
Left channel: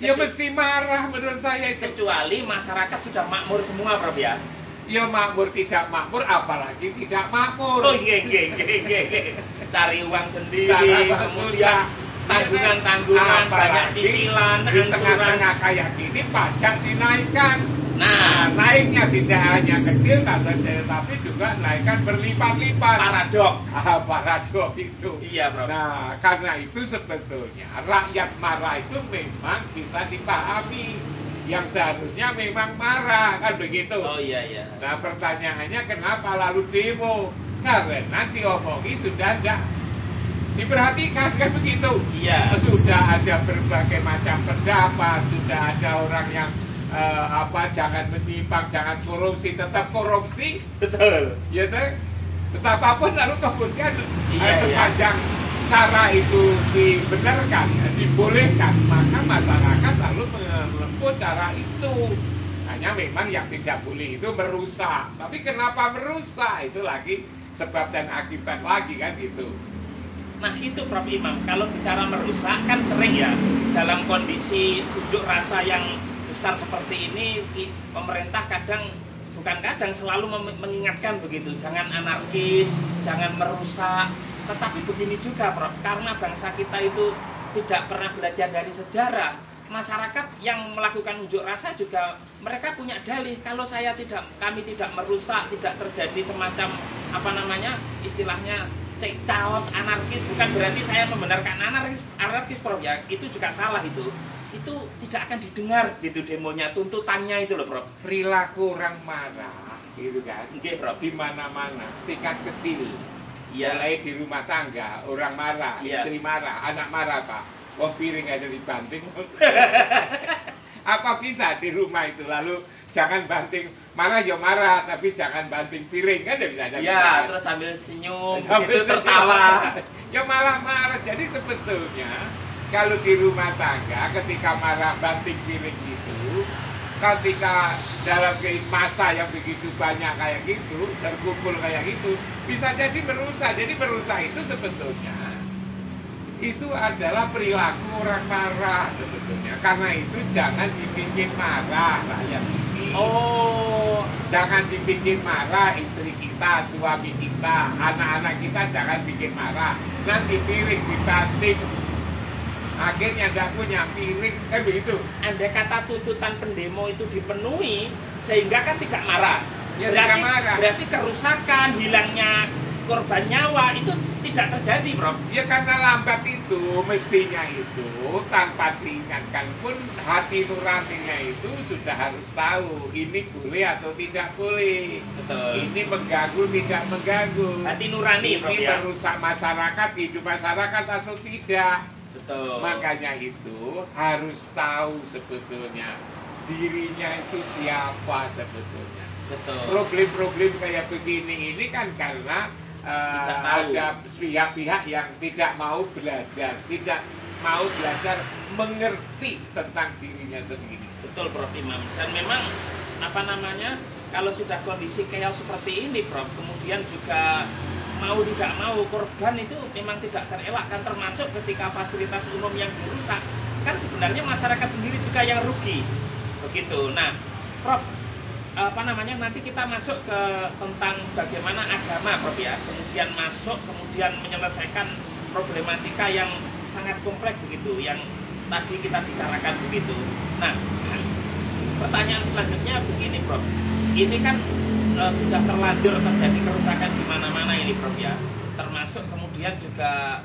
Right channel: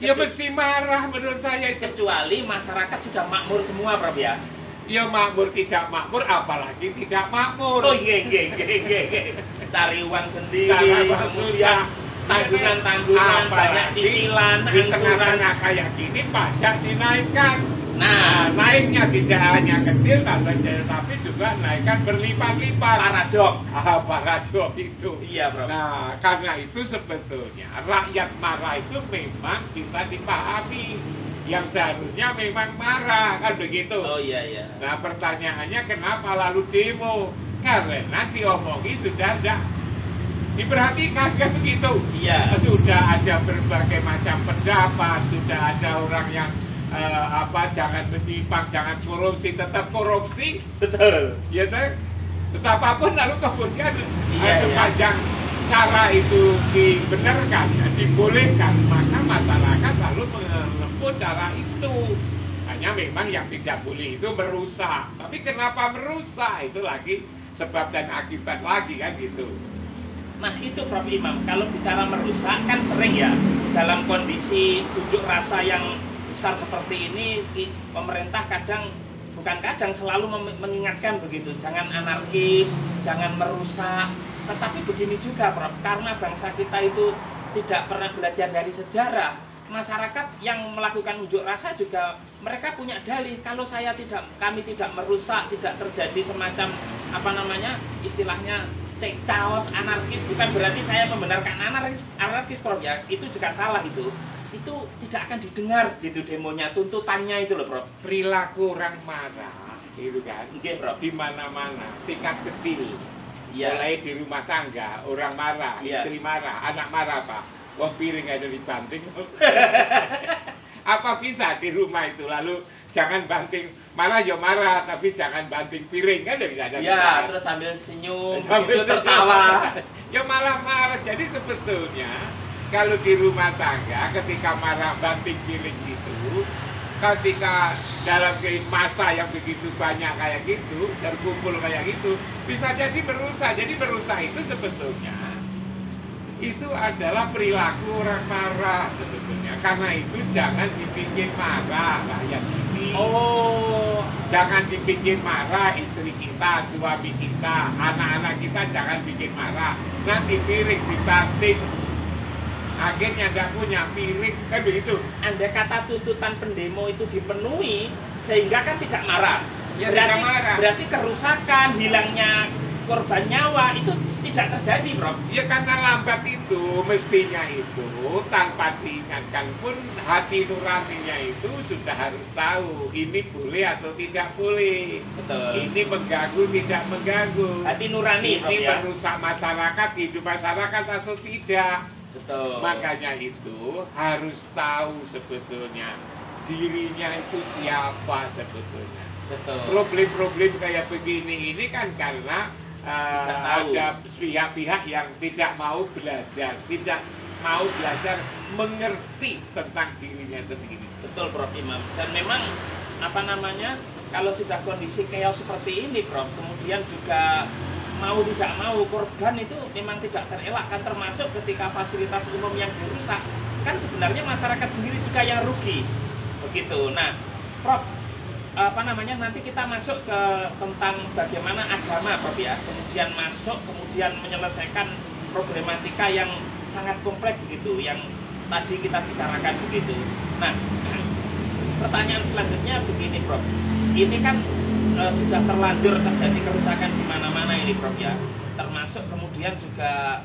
Ya mesti marah menurut saya itu. Kecuali masyarakat sudah makmur semua Prof ya. Ya makmur tidak makmur, apalagi tidak makmur. Oh iya. Cari uang sendiri, kemudian tanggungan-tanggungan, banyak cicilan, di tengah-tengah kayak gini pajak dinaikkan. Nah, naiknya tidak hanya kecil, tapi juga naikkan berlipat-lipat. Paradok. Paradok itu. Iya, Bro. Nah, karena itu sebetulnya rakyat marah itu memang bisa dipahami. Yang seharusnya memang marah, kan begitu. Oh iya, iya. Nah, pertanyaannya kenapa lalu demo? Karena diomongi sudah ada. Diperhatikan kan begitu. Iya. Sudah ada berbagai macam pendapat, sudah ada orang yang jangan menyimpang, jangan korupsi, tetap korupsi. Betul. Ya kan? Betapapun lalu kemudian Iya, sepanjang cara itu dibenarkan, dibolehkan, maka masyarakat lalu menempuh cara itu. Hanya memang yang tidak boleh itu merusak. Tapi kenapa merusak? Itu lagi sebab dan akibat lagi kan gitu. Nah itu Prof. Imam, kalau bicara merusak kan sering ya dalam kondisi unjuk rasa yang besar seperti ini, pemerintah bukan kadang selalu mengingatkan begitu, jangan anarkis, jangan merusak. Tetapi begini juga Prof, karena bangsa kita itu tidak pernah belajar dari sejarah, masyarakat yang melakukan unjuk rasa juga mereka punya dalih, kalau kami tidak merusak, tidak terjadi semacam istilahnya chaos, anarkis, bukan berarti saya membenarkan anarkis Prof ya, itu juga salah itu tidak akan didengar gitu demonya, tuntutannya itu loh Prof. Perilaku orang marah gitu kan, Prof. di mana-mana, tingkat kecil. Ya. Mulai di rumah tangga, orang marah, ya. Istri marah, anak marah Pak, wong piring aja dibanting. Apa bisa di rumah itu, lalu jangan banting, marah ya marah, tapi jangan banting piring, kan bisa ada. Iya, kan? terus sambil senyum, sambil tertawa. Ya malah marah, jadi sebetulnya kalau di rumah tangga ketika marah banting piring itu, ketika dalam masa yang begitu banyak kayak gitu, terkumpul kayak gitu, bisa jadi merusak. Jadi merusak itu sebetulnya itu adalah perilaku orang marah sebetulnya. Karena itu jangan dibikin marah rakyat ini. Oh, jangan dibikin marah istri kita, suami kita, anak-anak kita, jangan bikin marah. Nanti piring dibanting, akhirnya nggak punya piring, kan begitu. Andai kata tuntutan pendemo itu dipenuhi, sehingga kan tidak marah. Ya, tidak marah. Berarti kerusakan, hilangnya korban nyawa itu tidak terjadi, Prof. Ya karena lambat itu, mestinya itu tanpa diingatkan pun hati nuraninya itu sudah harus tahu ini boleh atau tidak boleh. Betul. Ini mengganggu tidak mengganggu. Hati nurani, ini Prof, ya? merusak masyarakat, hidup masyarakat atau tidak. Betul. Makanya itu harus tahu sebetulnya dirinya itu siapa sebetulnya. Betul. Problem-problem kayak begini ini kan karena ada pihak-pihak yang tidak mau belajar, tidak mau belajar mengerti tentang dirinya sendiri. Betul Prof Imam. Dan memang kalau sudah kondisi chaos seperti ini Prof, kemudian juga mau tidak mau korban itu memang tidak terelakkan, termasuk ketika fasilitas umum yang dirusak kan sebenarnya masyarakat sendiri juga yang rugi begitu. Nah Prof, nanti kita masuk ke tentang bagaimana agama Prof ya, kemudian menyelesaikan problematika yang sangat kompleks begitu yang tadi kita bicarakan begitu. Nah pertanyaan selanjutnya begini Prof, ini kan sudah terlanjur terjadi kerusakan di mana-mana ini Prof ya, termasuk kemudian juga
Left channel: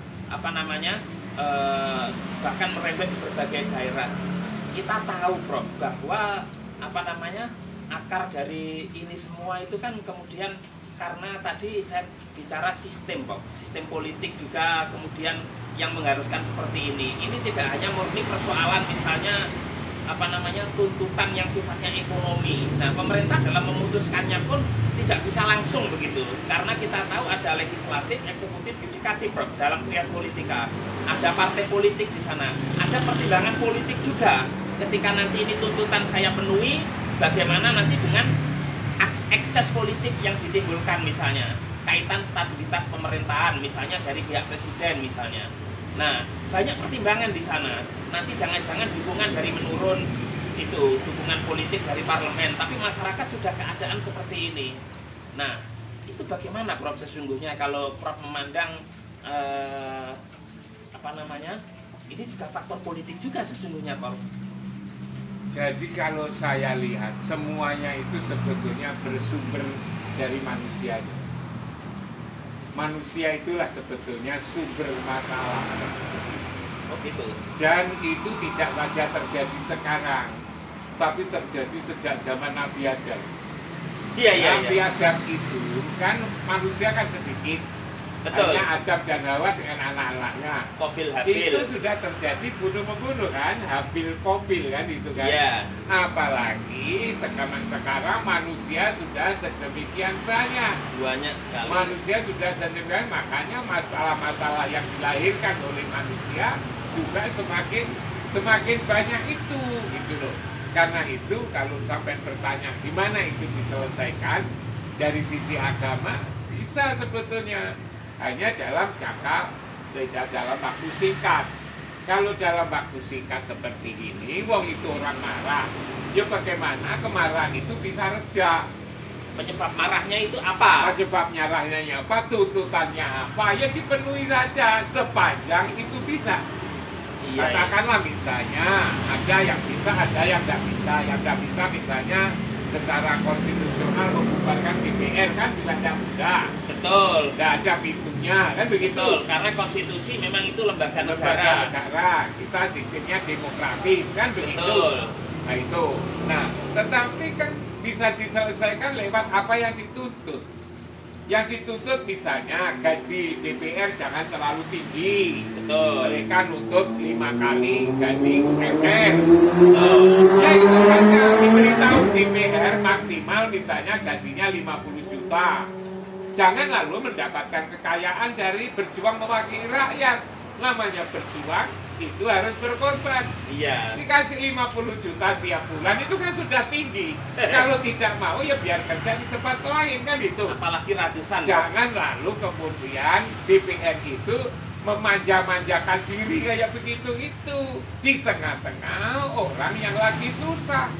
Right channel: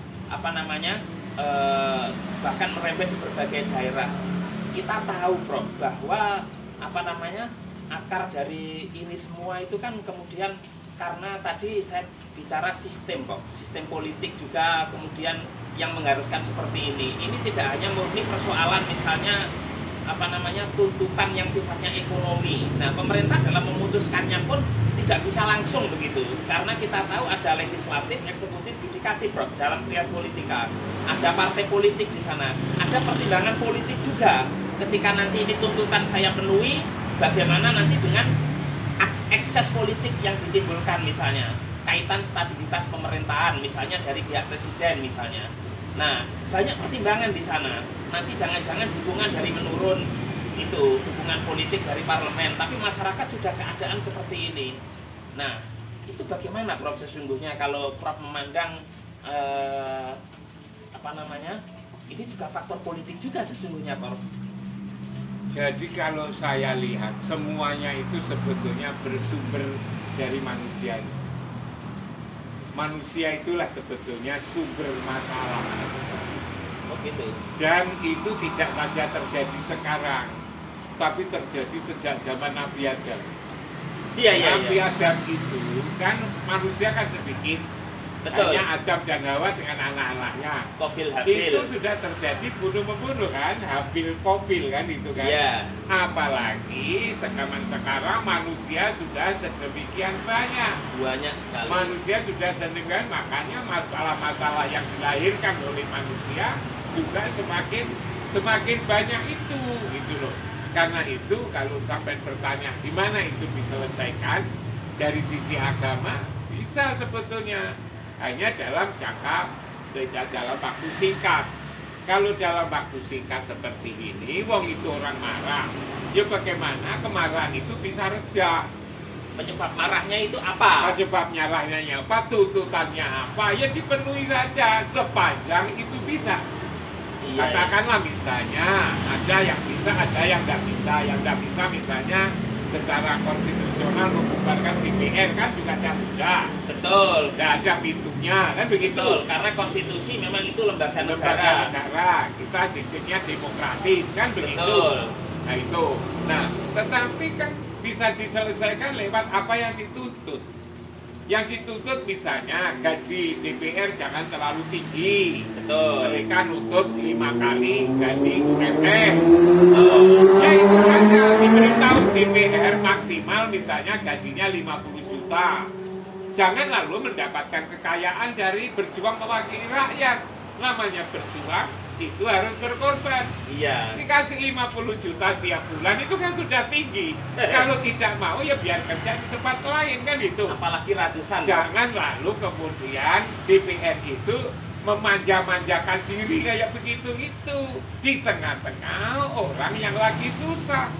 bahkan merembet di berbagai daerah. Kita tahu Prof bahwa akar dari ini semua itu kan kemudian karena tadi saya bicara sistem Prof, sistem politik juga kemudian yang mengharuskan seperti ini. Ini tidak hanya murni persoalan misalnya tuntutan yang sifatnya ekonomi. Nah, pemerintah dalam memutuskannya pun tidak bisa langsung begitu, karena kita tahu ada legislatif, eksekutif, yudikatif Prof dalam trias politika. Ada partai politik di sana, ada pertimbangan politik juga. Ketika nanti ini tuntutan saya penuhi, bagaimana nanti dengan ekses politik yang ditimbulkan misalnya kaitan stabilitas pemerintahan misalnya dari pihak presiden misalnya. Nah, banyak pertimbangan di sana. Nanti jangan-jangan dukungan dari menurun itu, dukungan politik dari parlemen, tapi masyarakat sudah keadaan seperti ini. Nah, itu bagaimana Prof sesungguhnya kalau Prof memandang ini juga faktor politik juga sesungguhnya Prof. Jadi kalau saya lihat semuanya itu sebetulnya bersumber dari manusianya. Manusia itulah sebetulnya sumber masalah. Oh gitu. Dan itu tidak saja terjadi sekarang, tapi terjadi sejak zaman Nabi Adam. Nabi Adam itu kan manusia kan sedikit. Betul. Hanya Adam dan Hawa dengan anak-anaknya. Qabil Habil. Itu sudah terjadi bunuh-membunuh kan, Habil Qabil kan itu kan. Iya. Apalagi sekarang manusia sudah sedemikian banyak. Banyak sekali. Manusia sudah sedemikian, makanya masalah-masalah yang dilahirkan oleh manusia juga semakin banyak itu, gitu loh. Karena itu kalau sampai bertanya gimana itu diselesaikan dari sisi agama, bisa sebetulnya. Hanya dalam jangka, tidak dalam waktu singkat. Kalau dalam waktu singkat seperti ini, wong itu orang marah, ya bagaimana kemarahan itu bisa reda? Penyebab marahnya itu apa? Penyebab marahnya apa? Tuntutannya apa? Ya dipenuhi saja sepanjang itu bisa. Katakanlah misalnya ada yang bisa, ada yang tidak bisa. Yang tidak bisa misalnya secara konstitusional membubarkan DPR kan juga tidak mudah. Betul. Tidak ada pintunya kan begitu. Betul, karena konstitusi memang itu lembaga negara. Kita sistemnya demokratis kan begitu. Betul. Nah itu. Nah, tetapi kan bisa diselesaikan lewat apa yang dituntut. Yang dituntut misalnya gaji DPR jangan terlalu tinggi. Betul. Mereka nuntut 5 kali gaji UMR. Ya itu saja diberitahu DPR maksimal misalnya gajinya 50 juta. Jangan lalu mendapatkan kekayaan dari berjuang mewakili rakyat. Namanya berjuang itu harus berkorban. Iya. Dikasih 50 juta setiap bulan itu kan sudah tinggi. Kalau tidak mau ya biar kerja di tempat lain kan itu. Apalagi ratusan. Jangan lalu kemudian DPR itu memanja-manjakan diri kayak begitu itu di tengah-tengah orang yang lagi susah,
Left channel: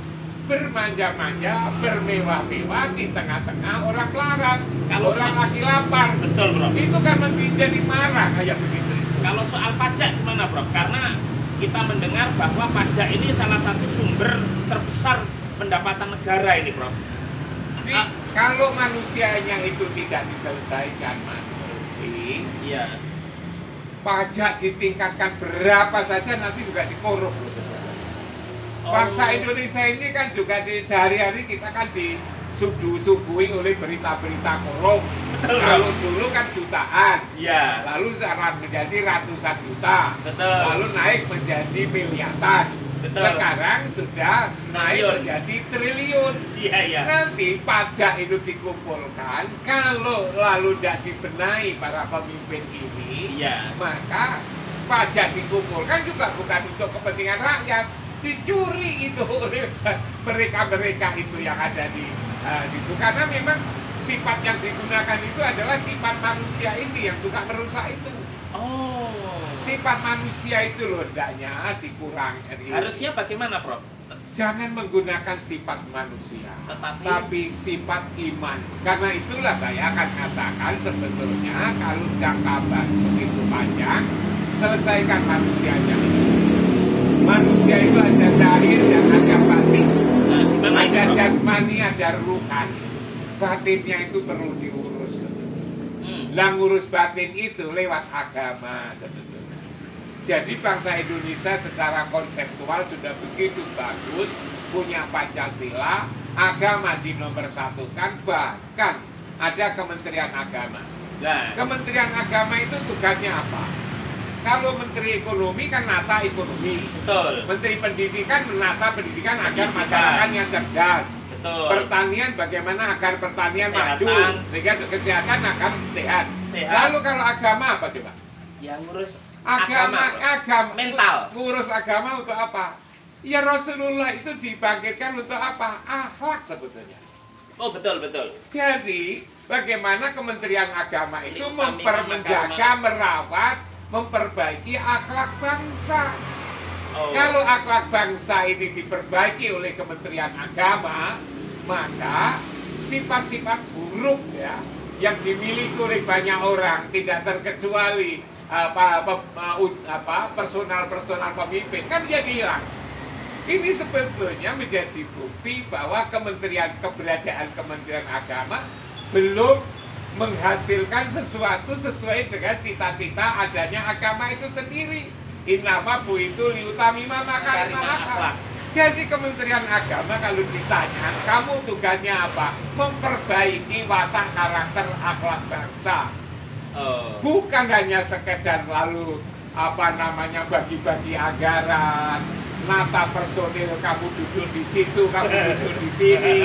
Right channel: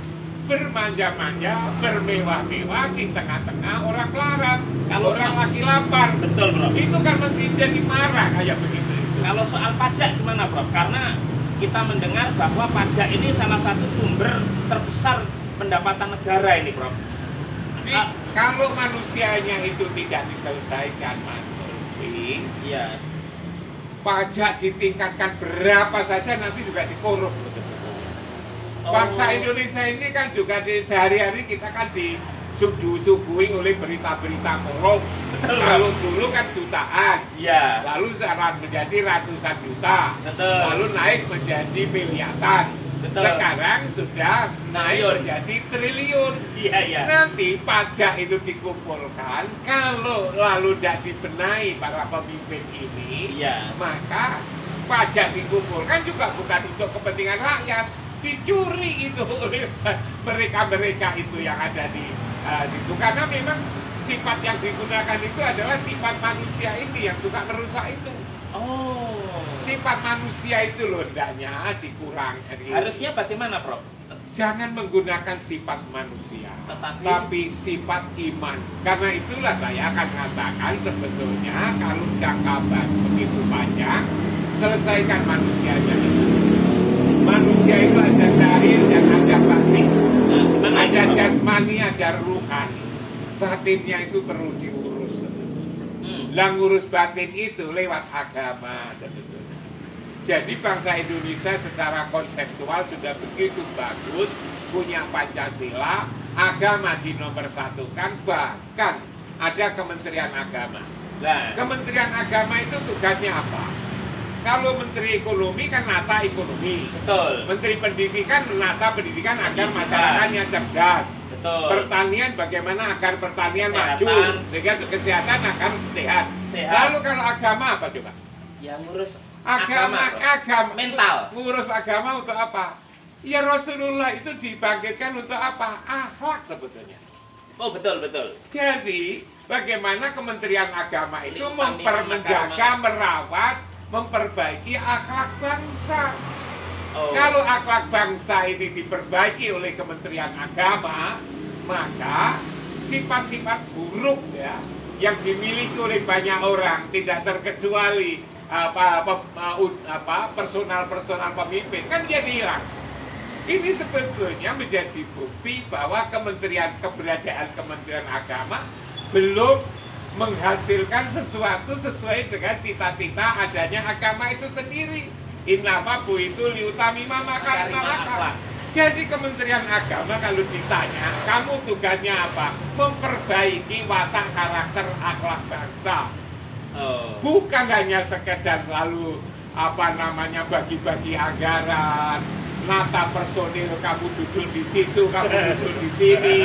bermanja-manja, bermewah-mewah di tengah-tengah orang larat. Kalau orang lagi lapar, betul, Bro. Itu kan menjadi marah kayak begitu. Kalau soal pajak gimana, Bro? Karena kita mendengar bahwa pajak ini salah satu sumber terbesar pendapatan negara ini, Bro. Jadi, kalau manusianya itu tidak diselesaikan, Mas Rufi, iya. Pajak ditingkatkan berapa saja nanti juga dikorup. Bangsa Indonesia ini kan juga di sehari-hari kita kan disuguhi oleh berita-berita korup. Kalau dulu kan jutaan, ya. Lalu sekarang menjadi ratusan juta, betul. Lalu naik menjadi miliaran. Betul. Sekarang sudah naik menjadi triliun. Iya. Nanti pajak itu dikumpulkan, kalau lalu tidak dibenahi para pemimpin ini, maka pajak dikumpulkan juga bukan untuk kepentingan rakyat, dicuri itu oleh mereka-mereka itu yang ada di situ. Karena memang sifat yang digunakan itu adalah sifat manusia ini yang suka merusak itu. Sifat manusia itu loh, hendaknya dikurangi. Harusnya bagaimana, Prof? Jangan menggunakan sifat manusia, tapi sifat iman. Karena itulah saya akan katakan sebetulnya kalau jangka begitu panjang, selesaikan manusianya itu. Manusia itu ada zahir dan ada batin. Ada jasmani, ada ruhan. Batinnya itu perlu diurus sebetulnya. Lah ngurus batin itu lewat agama sebetulnya. Jadi bangsa Indonesia secara konseptual sudah begitu bagus, punya Pancasila, agama dinomor-satukan, bahkan ada Kementerian Agama. Nah, Kementerian Agama itu tugasnya apa? Kalau Menteri Ekonomi kan menata ekonomi. Betul. Menteri Pendidikan menata pendidikan agar masyarakatnya cerdas. Betul. Pertanian bagaimana agar pertanian maju, sehingga kesehatan akan sehat. Lalu kalau agama apa coba? Yang ngurus agama mental. Ngurus agama untuk apa? Ya Rasulullah itu dibangkitkan untuk apa? Akhlak sebetulnya. Oh betul. Jadi bagaimana Kementerian Agama itu menjaga, merawat, memperbaiki akhlak bangsa. Kalau akhlak bangsa ini diperbaiki oleh Kementerian Agama, maka sifat-sifat buruk ya yang dimiliki oleh banyak orang, tidak terkecuali personal pemimpin kan jadi hilang. Ini sebetulnya menjadi bukti bahwa keberadaan Kementerian Agama belum menghasilkan sesuatu sesuai dengan cita-cita adanya agama itu sendiri. Innama buitu liutamima makarimah akhlak. Jadi Kementerian Agama kalau ditanya, kamu tugasnya apa? Memperbaiki watak karakter akhlak bangsa. Bukan hanya sekedar lalu bagi-bagi anggaran, nata personil, kamu duduk di situ, kamu duduk di sini.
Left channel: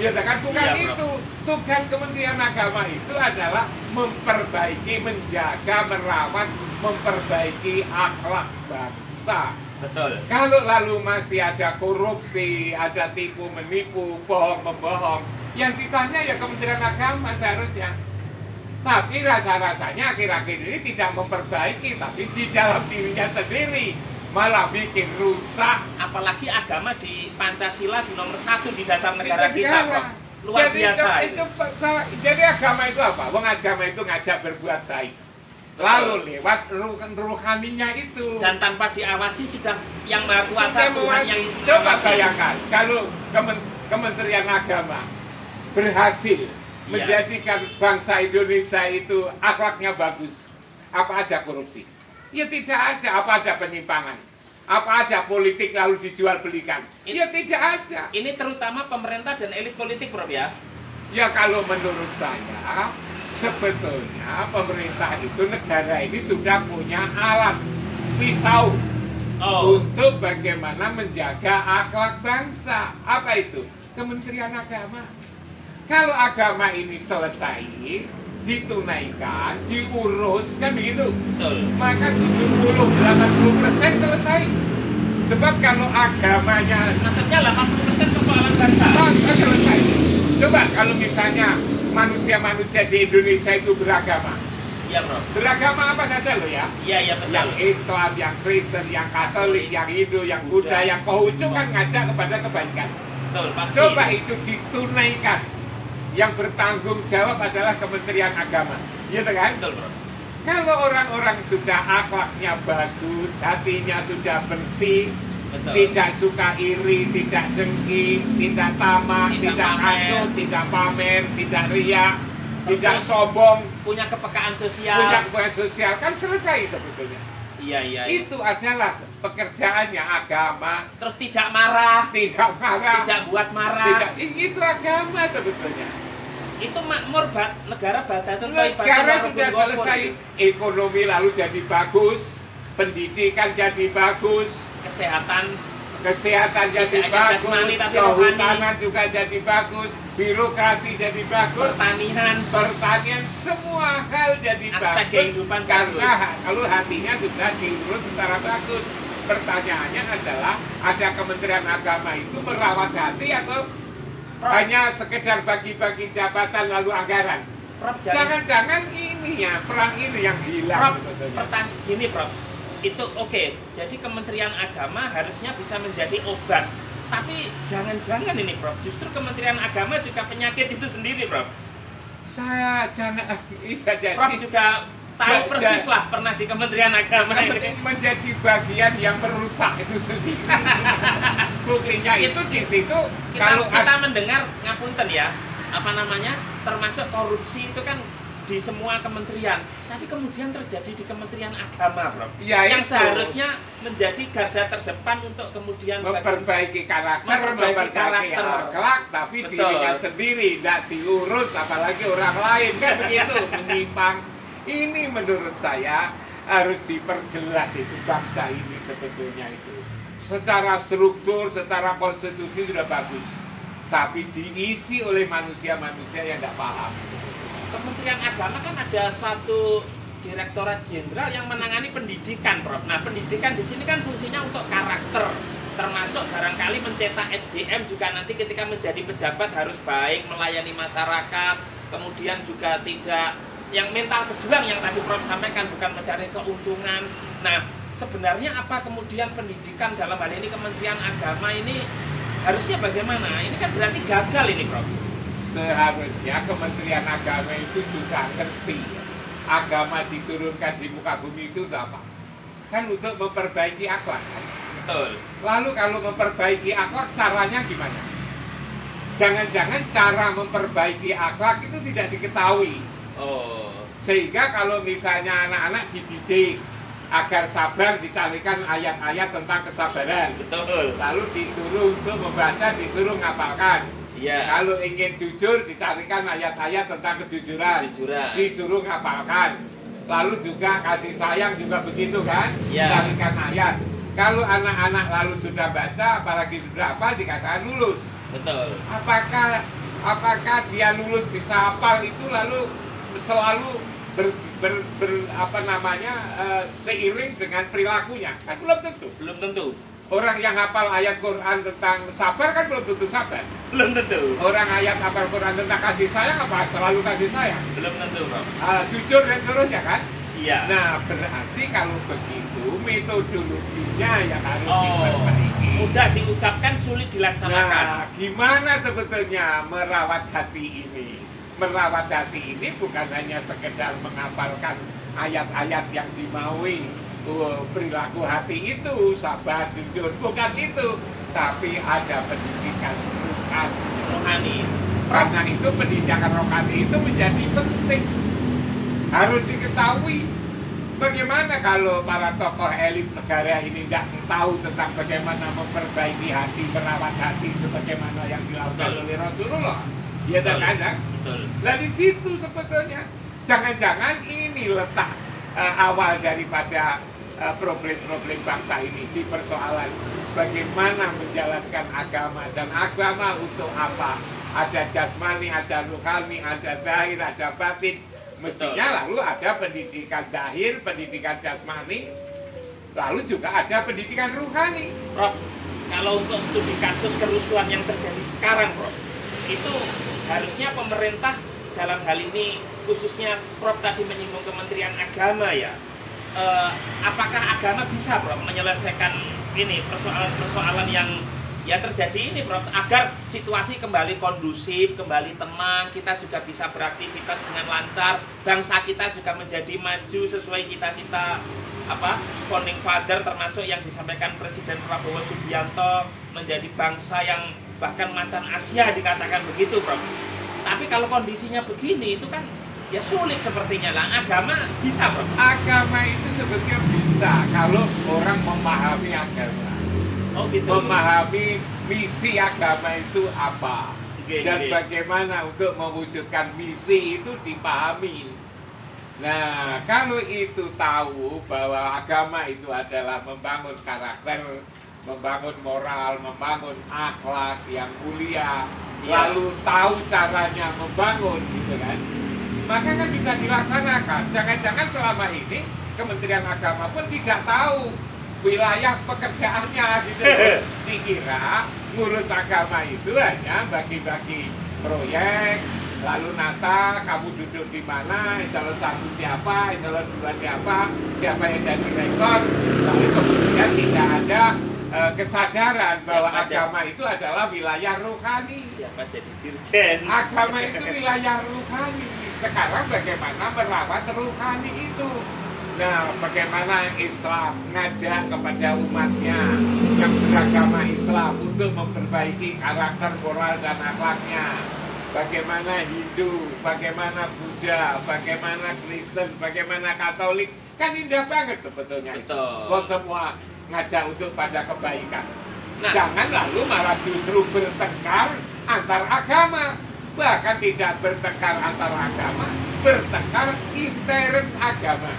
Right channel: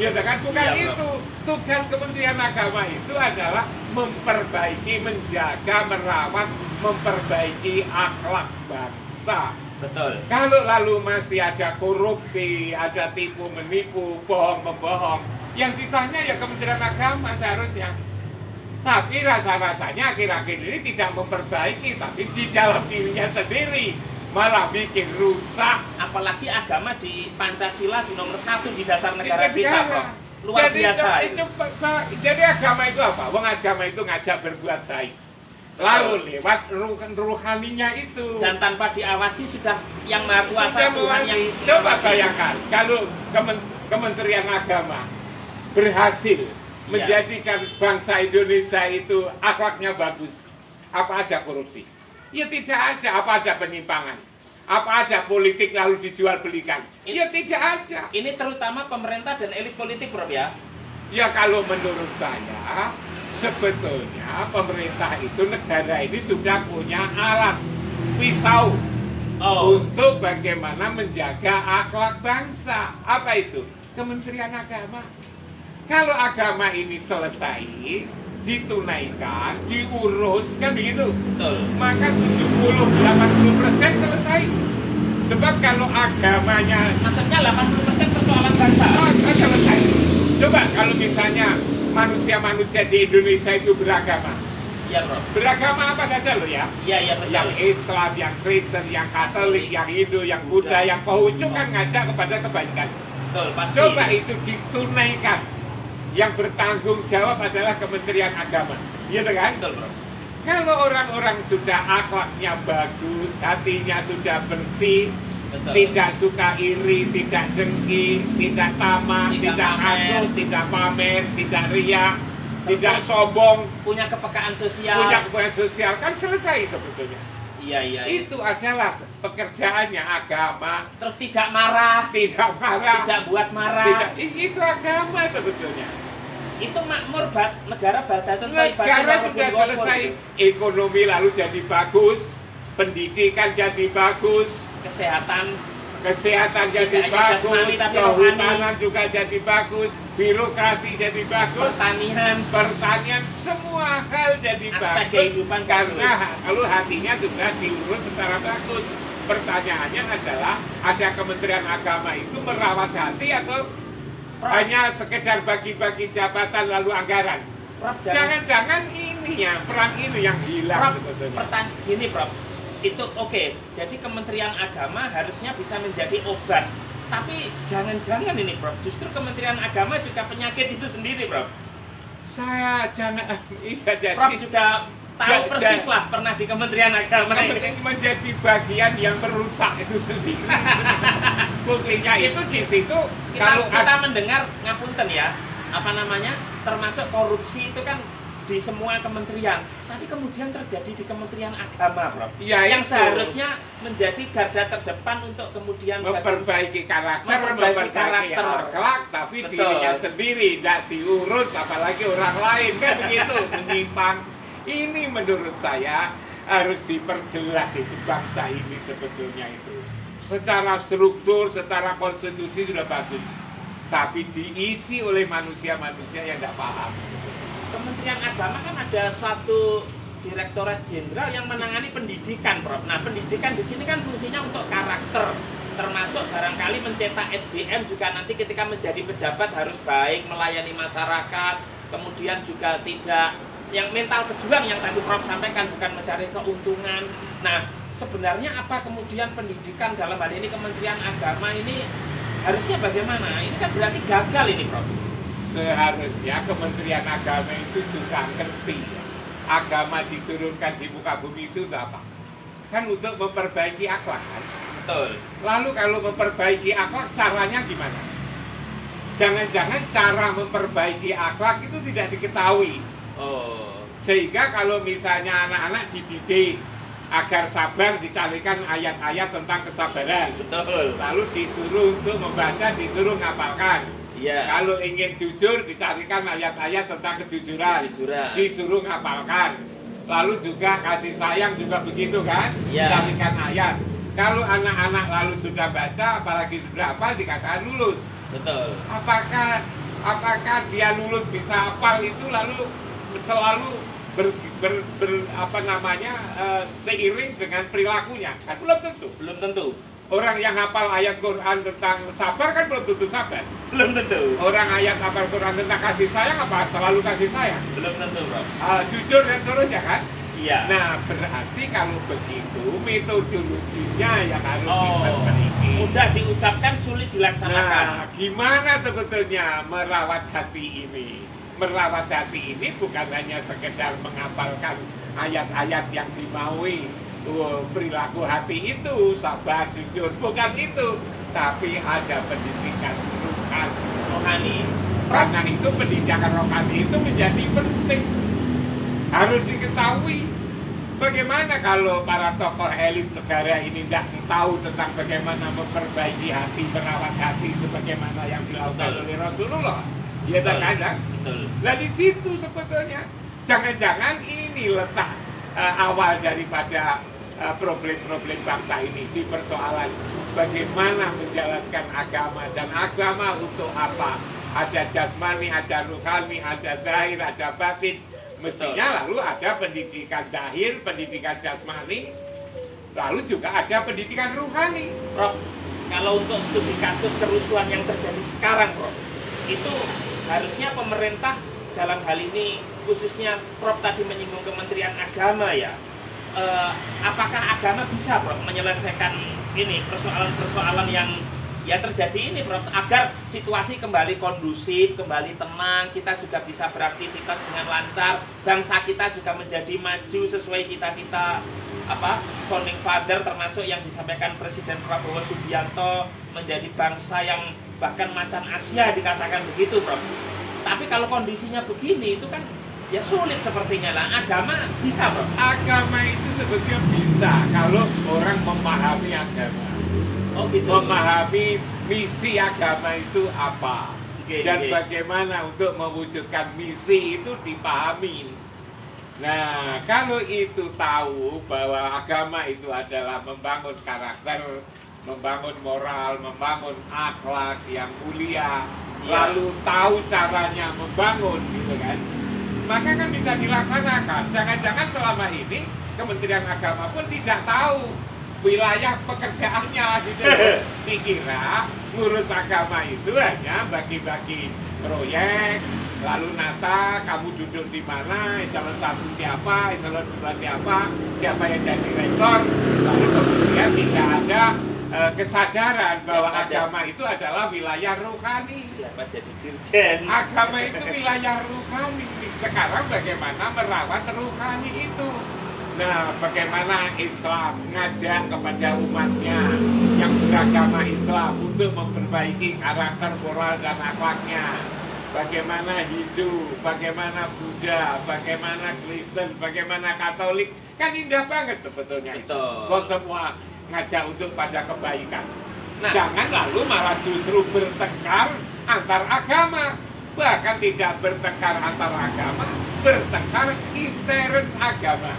Ya kan, bukan itu. Tugas Kementerian Agama itu adalah memperbaiki, menjaga, merawat, memperbaiki akhlak bangsa. Betul. Kalau lalu masih ada korupsi, ada tipu menipu, bohong membohong, yang ditanya ya Kementerian Agama seharusnya. Tapi rasa-rasanya akhir-akhir ini tidak memperbaiki, tapi di dalam dirinya sendiri malah bikin rusak. Apalagi agama di Pancasila di nomor 1 di dasar negara kita, Prof. Luar biasa. Jadi agama itu apa? Wong agama itu ngajak berbuat baik. Lalu lewat ruhaninya itu. Dan tanpa diawasi sudah yang Maha Kuasa Tuhan yang coba bayangkan kalau Kementerian Agama berhasil menjadikan bangsa Indonesia itu akhlaknya bagus. Apa ada korupsi? Ya tidak ada. Apa ada penyimpangan? Apa ada politik lalu dijual belikan? Ya tidak ada. Ini terutama pemerintah dan elit politik, Prof, ya? Ya kalau menurut saya, sebetulnya pemerintah itu, negara ini sudah punya alat pisau untuk bagaimana menjaga akhlak bangsa. Apa itu? Kementerian Agama. Kalau agama ini selesai, ditunaikan, diurus, kan begitu? Betul. Maka 70-80% selesai. Sebab kalau agamanya, maksudnya 80% persoalan bangsa. Selesai. Coba kalau misalnya manusia-manusia di Indonesia itu beragama. Iya, Bro. Beragama apa saja loh ya? Iya, betul. Yang Islam, yang Kristen, yang Katolik, yang Hindu, yang Buddha, yang Konghucu kan ngajak kepada kebaikan. Betul, pasti. Coba itu ditunaikan. Yang bertanggung jawab adalah Kementerian Agama. Iya kan? Betul, Bro. Kalau orang-orang sudah akhlaknya bagus, hatinya sudah bersih, Betul. tidak suka iri, tidak dengki, tidak tamak, tidak asuh, tidak pamer, tidak riak, tidak sombong, punya kepekaan sosial. Kan selesai sebetulnya. Iya. Itu adalah pekerjaannya agama. Terus tidak marah, tidak buat marah. Itu agama sebetulnya. Itu makmur negara Negara sudah selesai, ekonomi lalu jadi bagus, pendidikan jadi bagus, kesehatan jadi bagus, kehutanan juga jadi bagus, birokrasi jadi bagus, pertanian semua hal jadi aspek bagus kehidupan karena bagus. kalau hatinya sudah diurus secara bagus. Pertanyaannya adalah, ada Kementerian Agama itu merawat hati atau hanya sekedar bagi-bagi jabatan lalu anggaran? Jangan-jangan ini ya, peran ini yang hilang sebetulnya. Gini, Prof. Itu oke. Jadi Kementerian Agama harusnya bisa menjadi obat. Tapi jangan-jangan ini, Prof. Justru Kementerian Agama juga penyakit itu sendiri, Prof. Prof juga tahu persis lah pernah di Kementerian Agama ini. Menjadi bagian yang merusak itu sendiri. Buktinya itu di situ. Kalau kita mendengar, ngapunten ya, termasuk korupsi itu kan di semua kementerian, tapi kemudian terjadi di Kementerian Agama, Prof. Ya, yang itu seharusnya menjadi garda terdepan untuk kemudian memperbaiki karakter, memperbaiki akhlak, tapi betul, dirinya sendiri tidak diurus, apalagi orang lain, kan begitu, menyimpang. Ini menurut saya harus diperjelas itu bangsa ini sebetulnya itu. Secara struktur, secara konstitusi sudah bagus, tapi diisi oleh manusia-manusia yang tidak paham. Kementerian Agama kan ada satu Direktorat Jenderal yang menangani pendidikan, Prof. Nah, pendidikan di sini kan fungsinya untuk karakter, termasuk barangkali mencetak SDM juga nanti ketika menjadi pejabat harus baik, melayani masyarakat, kemudian juga tidak yang mental pejuang yang tadi Prof sampaikan, bukan mencari keuntungan. Nah, sebenarnya apa kemudian pendidikan dalam hal ini Kementerian Agama ini harusnya bagaimana? Ini kan berarti gagal ini, Prof. Seharusnya Kementerian Agama itu juga ngerti ya, agama diturunkan di muka bumi itu apa? kan untuk memperbaiki akhlak kan. Betul. Lalu kalau memperbaiki akhlak caranya gimana? Jangan-jangan cara memperbaiki akhlak itu tidak diketahui. Oh. Sehingga kalau misalnya anak-anak dididik agar sabar, ditalikan ayat-ayat tentang kesabaran. Betul. Lalu disuruh untuk membaca, disuruh ngapalkan. Iya. Kalau ingin jujur, ditarikan ayat-ayat tentang kejujuran. Kejujuran. Disuruh ngapalkan. Lalu juga kasih sayang juga begitu kan? Iya. Ditarikan ayat. Kalau anak-anak lalu sudah baca, apalagi sudah hafal, dikatakan lulus. Betul. Apakah dia lulus bisa hafal itu lalu selalu seiring dengan perilakunya? Kan belum tentu. Belum tentu. Orang yang hafal ayat Quran tentang sabar kan belum tentu sabar. Belum tentu. Orang ayat hafal Quran tentang kasih sayang apa selalu kasih sayang? Belum tentu, Bro. Jujur dan seterusnya kan? Iya. Nah, berarti kalau begitu metodologinya yang harus Oh, diperbaiki. mudah diucapkan, sulit dilaksanakan. Nah, gimana sebetulnya merawat hati ini? Merawat hati ini bukan hanya sekedar menghafalkan ayat-ayat yang dimaui. Perilaku hati itu sabar, jujur, bukan itu, tapi ada pendidikan rohani. Karena itu pendidikan rohani itu menjadi penting, harus diketahui. Bagaimana kalau para tokoh elit negara ini tidak tahu tentang bagaimana memperbaiki hati, merawat hati sebagaimana yang dilakukan oleh Rasulullah? Ya terkadang. Nah di situ sebetulnya jangan-jangan ini letak awal daripada problem-problem bangsa ini, di persoalan bagaimana menjalankan agama, dan agama untuk apa? Ada jasmani, ada ruhani, ada zahir, ada batin. Mestinya lalu ada pendidikan zahir, pendidikan jasmani, lalu juga ada pendidikan ruhani. Prof, kalau untuk studi kasus kerusuhan yang terjadi sekarang, Prof, itu harusnya pemerintah dalam hal ini, khususnya Prof tadi menyinggung Kementerian Agama ya, apakah agama bisa, Prof, menyelesaikan ini persoalan-persoalan yang ya terjadi ini, Prof, agar situasi kembali kondusif, kembali tenang, kita juga bisa beraktivitas dengan lancar, bangsa kita juga menjadi maju sesuai cita-cita founding father, termasuk yang disampaikan Presiden Prabowo Subianto, menjadi bangsa yang bahkan macan Asia dikatakan begitu, Prof. Tapi kalau kondisinya begini itu kan ya sulit sepertinya lah. Agama bisa, Bro. Agama itu sebetulnya bisa kalau orang memahami agama. Oh, gitu. Memahami misi agama itu apa. Dan okay. Bagaimana untuk mewujudkan misi itu dipahami. Nah, kalau itu tahu bahwa agama itu adalah membangun karakter, membangun moral, membangun akhlak yang mulia, lalu tahu caranya membangun gitu kan, maka kan bisa dilaksanakan. Jangan-jangan selama ini Kementerian Agama pun tidak tahu wilayah pekerjaannya gitu. Dikira ngurus agama itu hanya bagi-bagi proyek, lalu nata kamu duduk di mana, eselon 1 siapa, eselon 2 siapa yang jadi rektor, lalu kemudian tidak ada kesadaran bahwa agama itu adalah wilayah rohani. Siapa jadi dirjen? Agama itu wilayah rohani. Sekarang bagaimana merawat rohani itu? Nah, bagaimana Islam ngajak kepada umatnya yang beragama Islam untuk memperbaiki karakter, moral, dan akhlaknya. Bagaimana Hindu, bagaimana Buddha, bagaimana Kristen, bagaimana Katolik. Kan indah banget sebetulnya itu. Kok semua ngajak untuk pada kebaikan. Nah, jangan lalu malah justru bertengkar antar agama. Bahkan tidak bertengkar antar agama, bertengkar intern agama.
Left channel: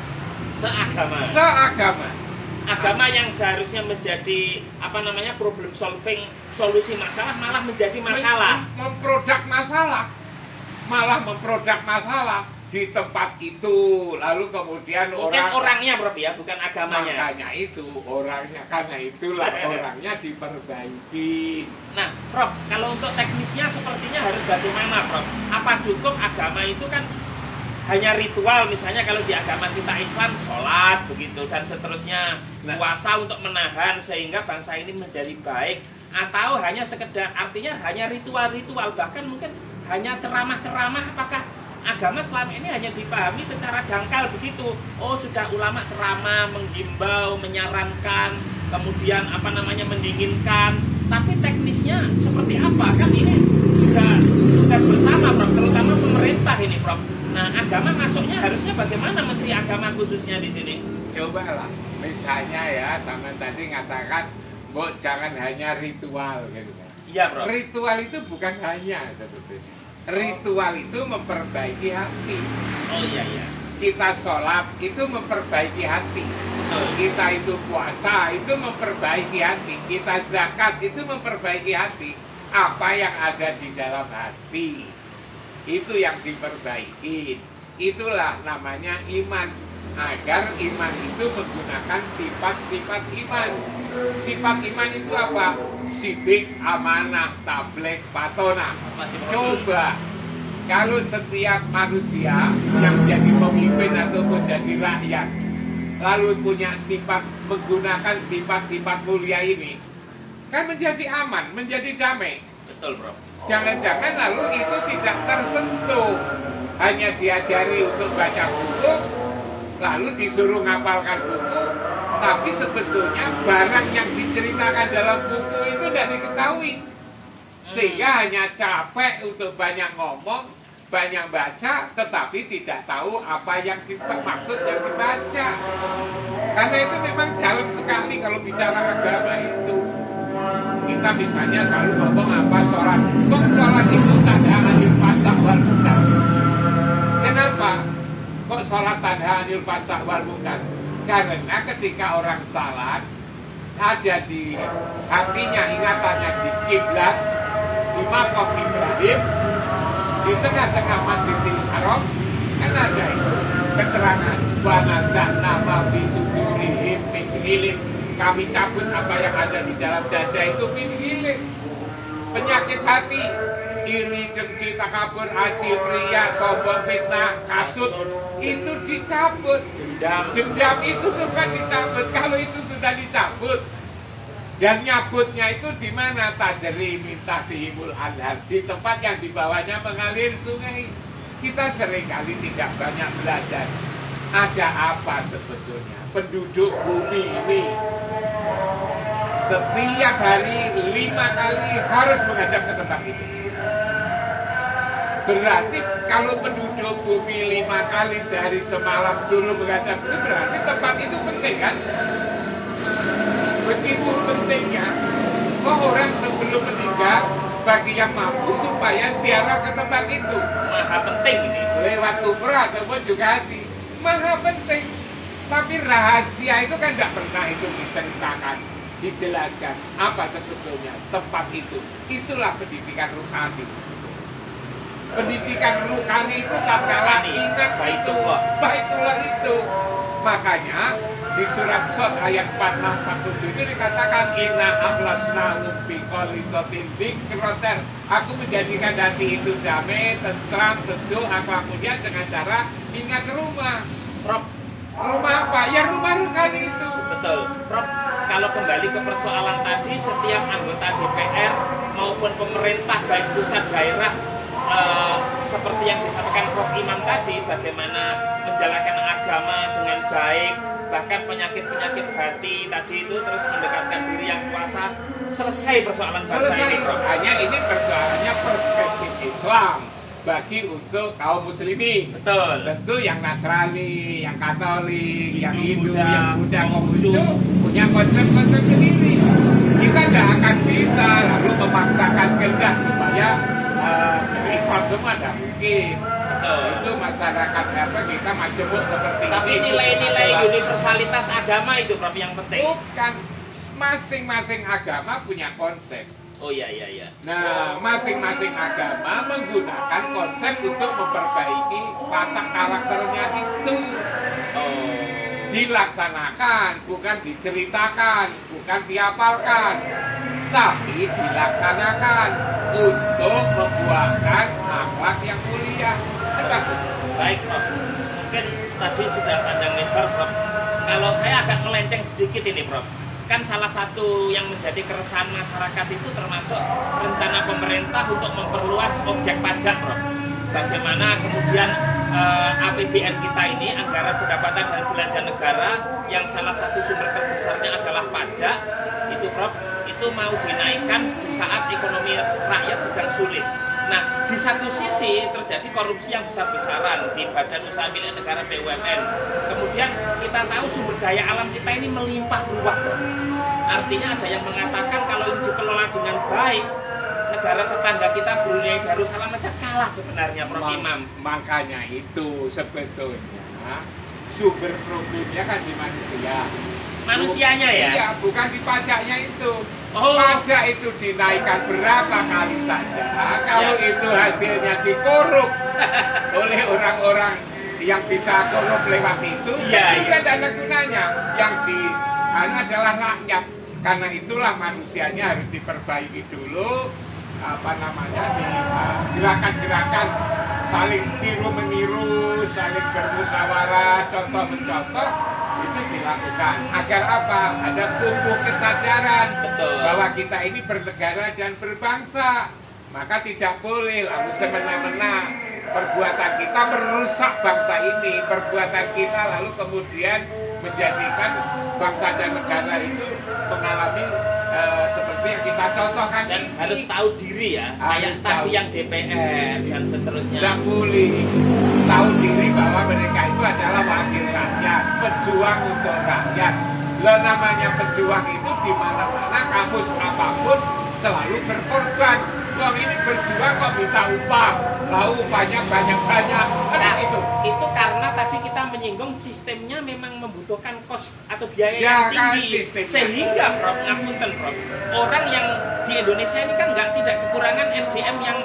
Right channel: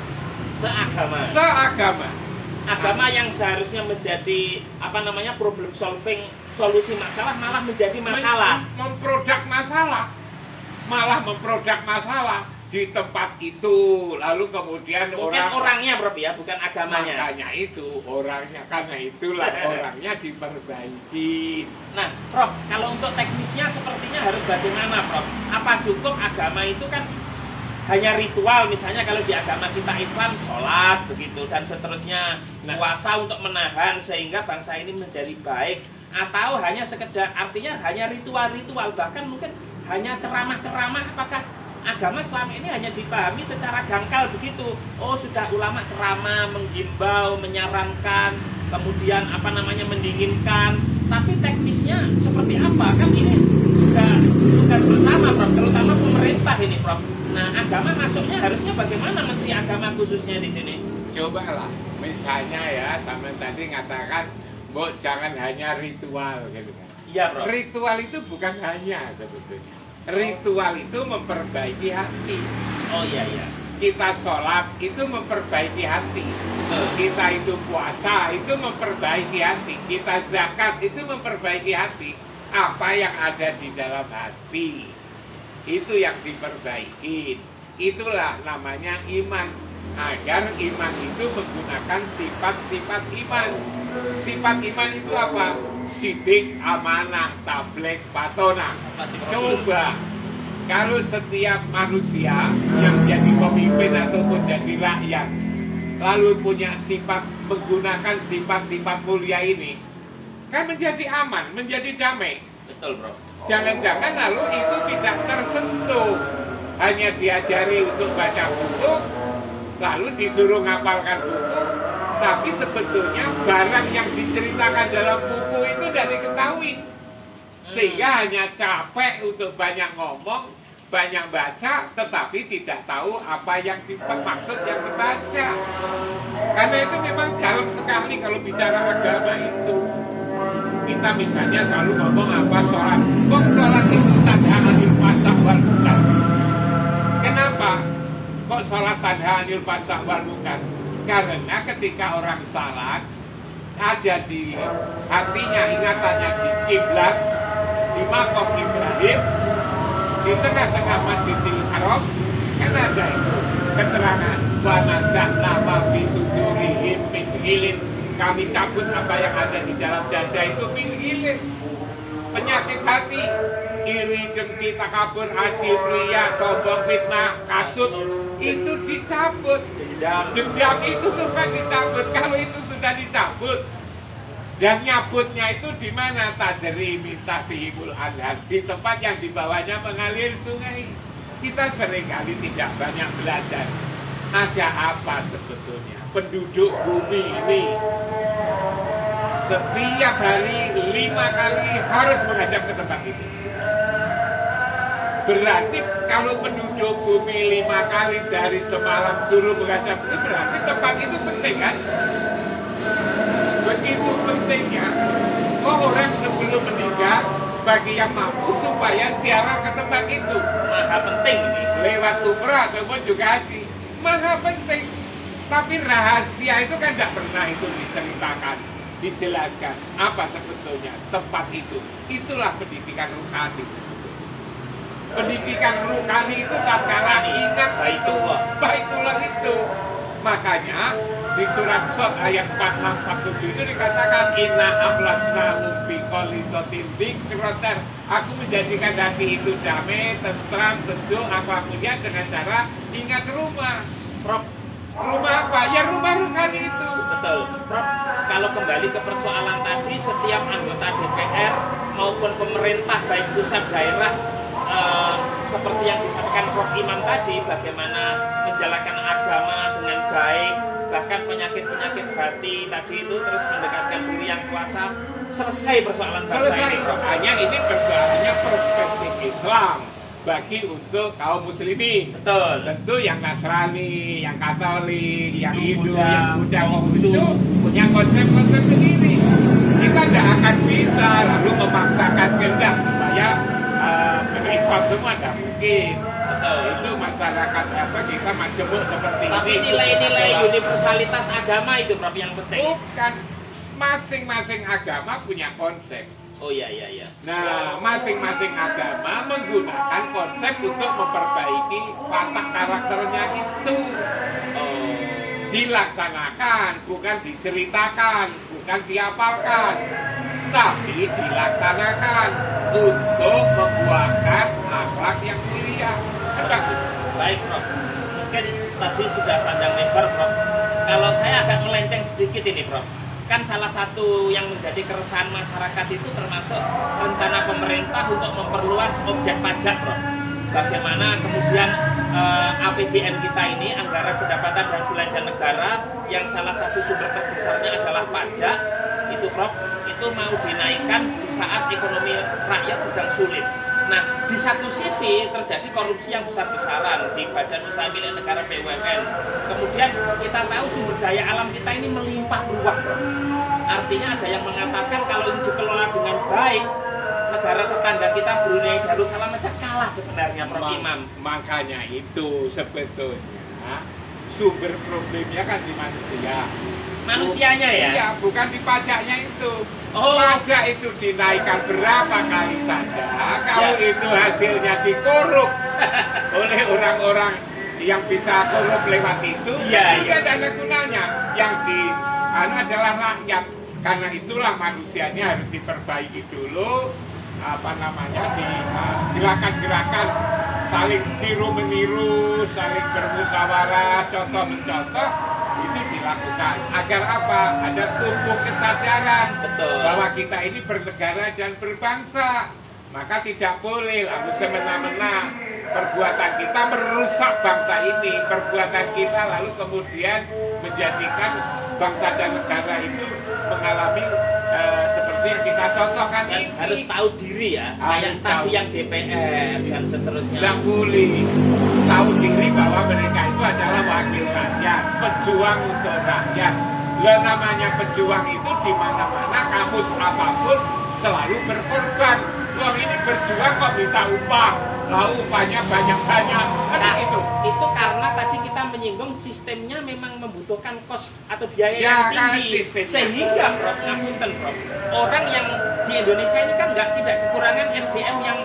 Seagama. Agama yang seharusnya menjadi problem solving, solusi masalah, malah menjadi masalah. Memproduk masalah. Malah memproduk masalah di tempat itu, lalu kemudian orangnya, Prof, ya, bukan agamanya. Makanya itu orangnya, karena itulah orangnya diperbaiki. Nah, Prof, kalau untuk teknisnya sepertinya harus bagaimana, Prof? Apa cukup agama itu kan hanya ritual, misalnya kalau di agama kita Islam sholat begitu dan seterusnya, puasa untuk menahan sehingga bangsa ini menjadi baik, atau hanya sekedar artinya hanya ritual-ritual, bahkan mungkin hanya ceramah-ceramah, apakah agama selama ini hanya dipahami secara dangkal begitu. Oh, sudah ulama ceramah, menghimbau, menyarankan, kemudian apa namanya mendinginkan. Tapi teknisnya seperti apa? Kan ini juga tugas bersama, Prof. Terutama pemerintah ini, Prof. Nah, agama masuknya harusnya bagaimana Menteri Agama khususnya di sini? Cobalah, misalnya ya, sama tadi ngatakan, jangan hanya ritual gitu kan. Iya, Prof. Ritual itu bukan hanya sebetulnya. Ritual itu memperbaiki hati. Oh iya, iya. Kita sholat itu memperbaiki hati. Kita itu puasa itu memperbaiki hati. Kita zakat itu memperbaiki hati. Apa yang ada di dalam hati itu yang diperbaiki. Itulah namanya iman. Agar iman itu menggunakan sifat-sifat iman. Sifat iman itu apa? Sidik, amanah, tabligh, patonah. Coba kalau setiap manusia yang jadi pemimpin ataupun jadi rakyat lalu punya sifat, menggunakan sifat-sifat mulia ini, kan menjadi aman, menjadi damai. Betul, Bro. Jangan-jangan lalu itu tidak tersentuh, hanya diajari untuk baca buku, lalu disuruh ngapalkan buku, tapi sebetulnya barang yang diceritakan dalam buku itu tidak diketahui. Sehingga hanya capek untuk banyak ngomong, banyak baca, tetapi tidak tahu apa yang maksud yang dibaca. Karena itu memang dalam sekali kalau bicara agama itu. Kita misalnya selalu ngomong apa sholat. Sholat itu tanda anil fasah wal munkar. Kenapa? Kok sholat tanda anil fasah wal munkar? Karena ketika orang salat ada di hatinya, ingatannya di kiblat, di makom Ibrahim, di tengah-tengah Masjidil Haram, kan ada itu keterangan wa nazana ma fi sudurihim min ghilin, kami cabut apa yang ada di dalam dada itu min ghilin, penyakit hati, iri, dengki, takabur, haji, pria, sombong, fitnah, kasut, itu dicabut. Dendam itu sudah dicabut. Kalau itu sudah dicabut, dan nyabutnya itu di mana? Tajri minta dihimul anhar, di tempat yang di bawahnya mengalir sungai. Kita seringkali tidak banyak belajar. Ada apa sebetulnya penduduk bumi ini setiap hari 5 kali harus menghadap ke tempat itu. Berarti kalau penduduk bumi 5 kali sehari semalam suruh menghadap itu, berarti tempat itu penting kan? Begitu pentingnya, orang sebelum meninggal bagi yang mampu supaya ziarah ke tempat itu. Maha penting. Lewat umrah ataupun juga haji. Maha penting. Tapi rahasia itu kan tidak pernah itu diceritakan, dijelaskan. Apa sebetulnya tempat itu? Itulah pendidikan rohani. Pendidikan rohani itu tak kalah ingat itu, baiklah itu. Makanya di surat Shad ayat 46-47 itu dikatakan inna ahlasna bi qalisatin dzikroter. Aku menjadikan hati itu damai, tentram, sejuk, apapun dengan cara ingat rumah. Prof, rumah apa? Ya rumah rohani itu. Betul, Prof. Kalau kembali ke persoalan tadi, setiap anggota DPR maupun pemerintah baik pusat daerah seperti yang disampaikan Prof Imam tadi, bagaimana menjalankan agama dengan baik, bahkan penyakit-penyakit hati tadi itu terus mendekatkan diri yang puasa, selesai persoalan bangsa ini, Prof. Hanya ini persoalannya perspektif Islam bagi untuk kaum muslimin. Betul. Tentu yang Nasrani, yang Katolik, yang Hindu, yang Buddha, Konghucu punya konsep-konsep sendiri. Kita tidak akan bisa lalu memaksakan kehendak supaya Islam semua tidak mungkin. Itu masyarakat apa kita majemuk seperti ini. Tapi nilai-nilai universalitas agama itu Prof yang penting. Bukan, masing-masing agama punya konsep. Oh iya. Nah, masing-masing agama menggunakan konsep untuk memperbaiki watak karakternya itu. Dilaksanakan, bukan diceritakan, bukan dihafalkan, tapi dilaksanakan untuk membuahkan akhlak yang mulia. Baik, Prof. Mungkin tadi sudah panjang lebar, Prof. Kalau saya agak melenceng sedikit ini, Prof. Kan salah satu yang menjadi keresahan masyarakat itu termasuk rencana pemerintah untuk memperluas objek pajak, Prof. bagaimana kemudian APBN kita ini, anggaran pendapatan dan belanja negara, yang salah satu sumber terbesarnya adalah pajak, itu Prof, itu mau dinaikkan di saat ekonomi rakyat sedang sulit. Nah, di satu sisi terjadi korupsi yang besar-besaran di Badan Usaha Milik Negara BUMN. Kemudian kita tahu sumber daya alam kita ini melimpah ruah, Prof. Artinya ada yang mengatakan kalau ini dikelola dengan baik, negara tetangga kita Brunei Darussalam aja kalah sebenarnya, Prof. Imam. Makanya itu sebetulnya sumber problemnya kan di manusia. Manusianya ya? Iya, bukan di pajaknya itu. Oh. Pajak itu dinaikkan berapa kali saja. Kalau itu hasilnya dikorup oleh orang-orang yang bisa korup lewat itu, ya, tidak ada gunanya. Yang adalah rakyat. Karena itulah manusianya harus diperbaiki dulu. Di gerakan-gerakan saling tiru-meniru, saling bermusyawarah, contoh-mencontoh, itu dilakukan agar apa? Ada tumbuh kesadaran. Betul. Bahwa kita ini bernegara dan berbangsa. Maka tidak boleh lalu semena-mena perbuatan kita merusak bangsa ini, perbuatan kita lalu kemudian menjadikan bangsa dan negara itu mengalami seperti yang kita contohkan dan ini. Harus tahu diri ya, Harus kayak tadi tahu. yang DPR dan seterusnya. Tidak boleh tahu diri bahwa mereka itu adalah wakil rakyat, pejuang untuk rakyat. Lah namanya pejuang itu di mana-mana, kamus apapun selalu berkorban. Wong ini berjuang kok minta upah, lalu upahnya banyak-banyak. Nah, itu karena tadi kita menyinggung sistemnya memang membutuhkan kos atau biaya Ya, yang kan, tinggi. sistemnya. Sehingga Prof, ngapunten Prof, orang yang di Indonesia ini kan tidak kekurangan SDM yang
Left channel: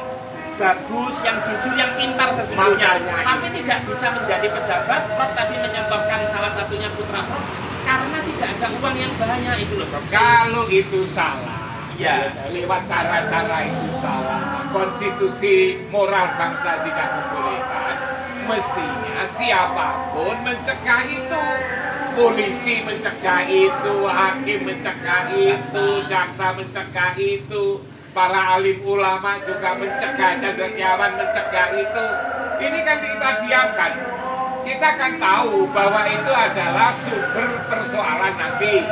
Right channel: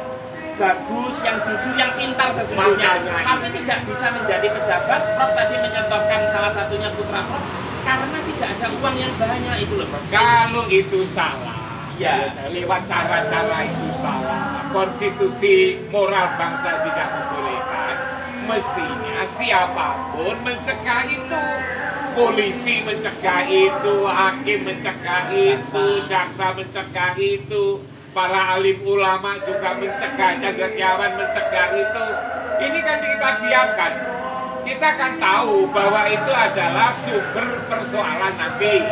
bagus, yang jujur, yang pintar sesungguhnya. Makanya. Tapi tidak bisa menjadi pejabat. Prof tadi menyebabkan salah satunya putra Prof karena tidak ada uang yang banyak itu loh Prof. Kalau itu salah, ya, lewat cara-cara itu salah. Konstitusi moral bangsa tidak membolehkan. Mestinya siapapun mencegah itu. Polisi mencegah itu, hakim mencegah itu, jaksa mencegah itu, para alim ulama juga mencegah, cendekiawan mencegah itu. Ini kan kita diamkan. Kita kan tahu bahwa itu adalah sumber persoalan nanti.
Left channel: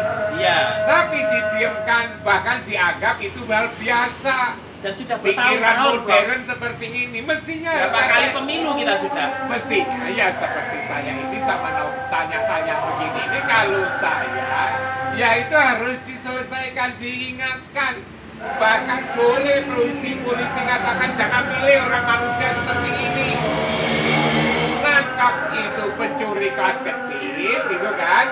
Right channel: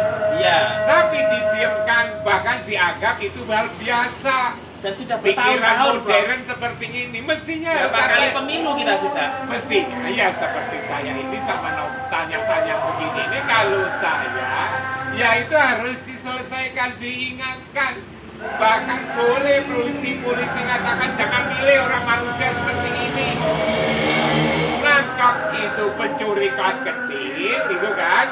Ya. Tapi didiamkan, bahkan dianggap itu hal biasa. Dan sudah Pikiran bertahun-tahun modern seperti ini mestinya berapa kali pemilu kita sudah. mestinya ya seperti saya ini sama tanya-tanya begini ini, kalau saya ya itu harus diselesaikan, diingatkan. Bahkan boleh polisi katakan jangan pilih orang manusia seperti ini. Nangkap itu pencuri kelas kecil gitu kan,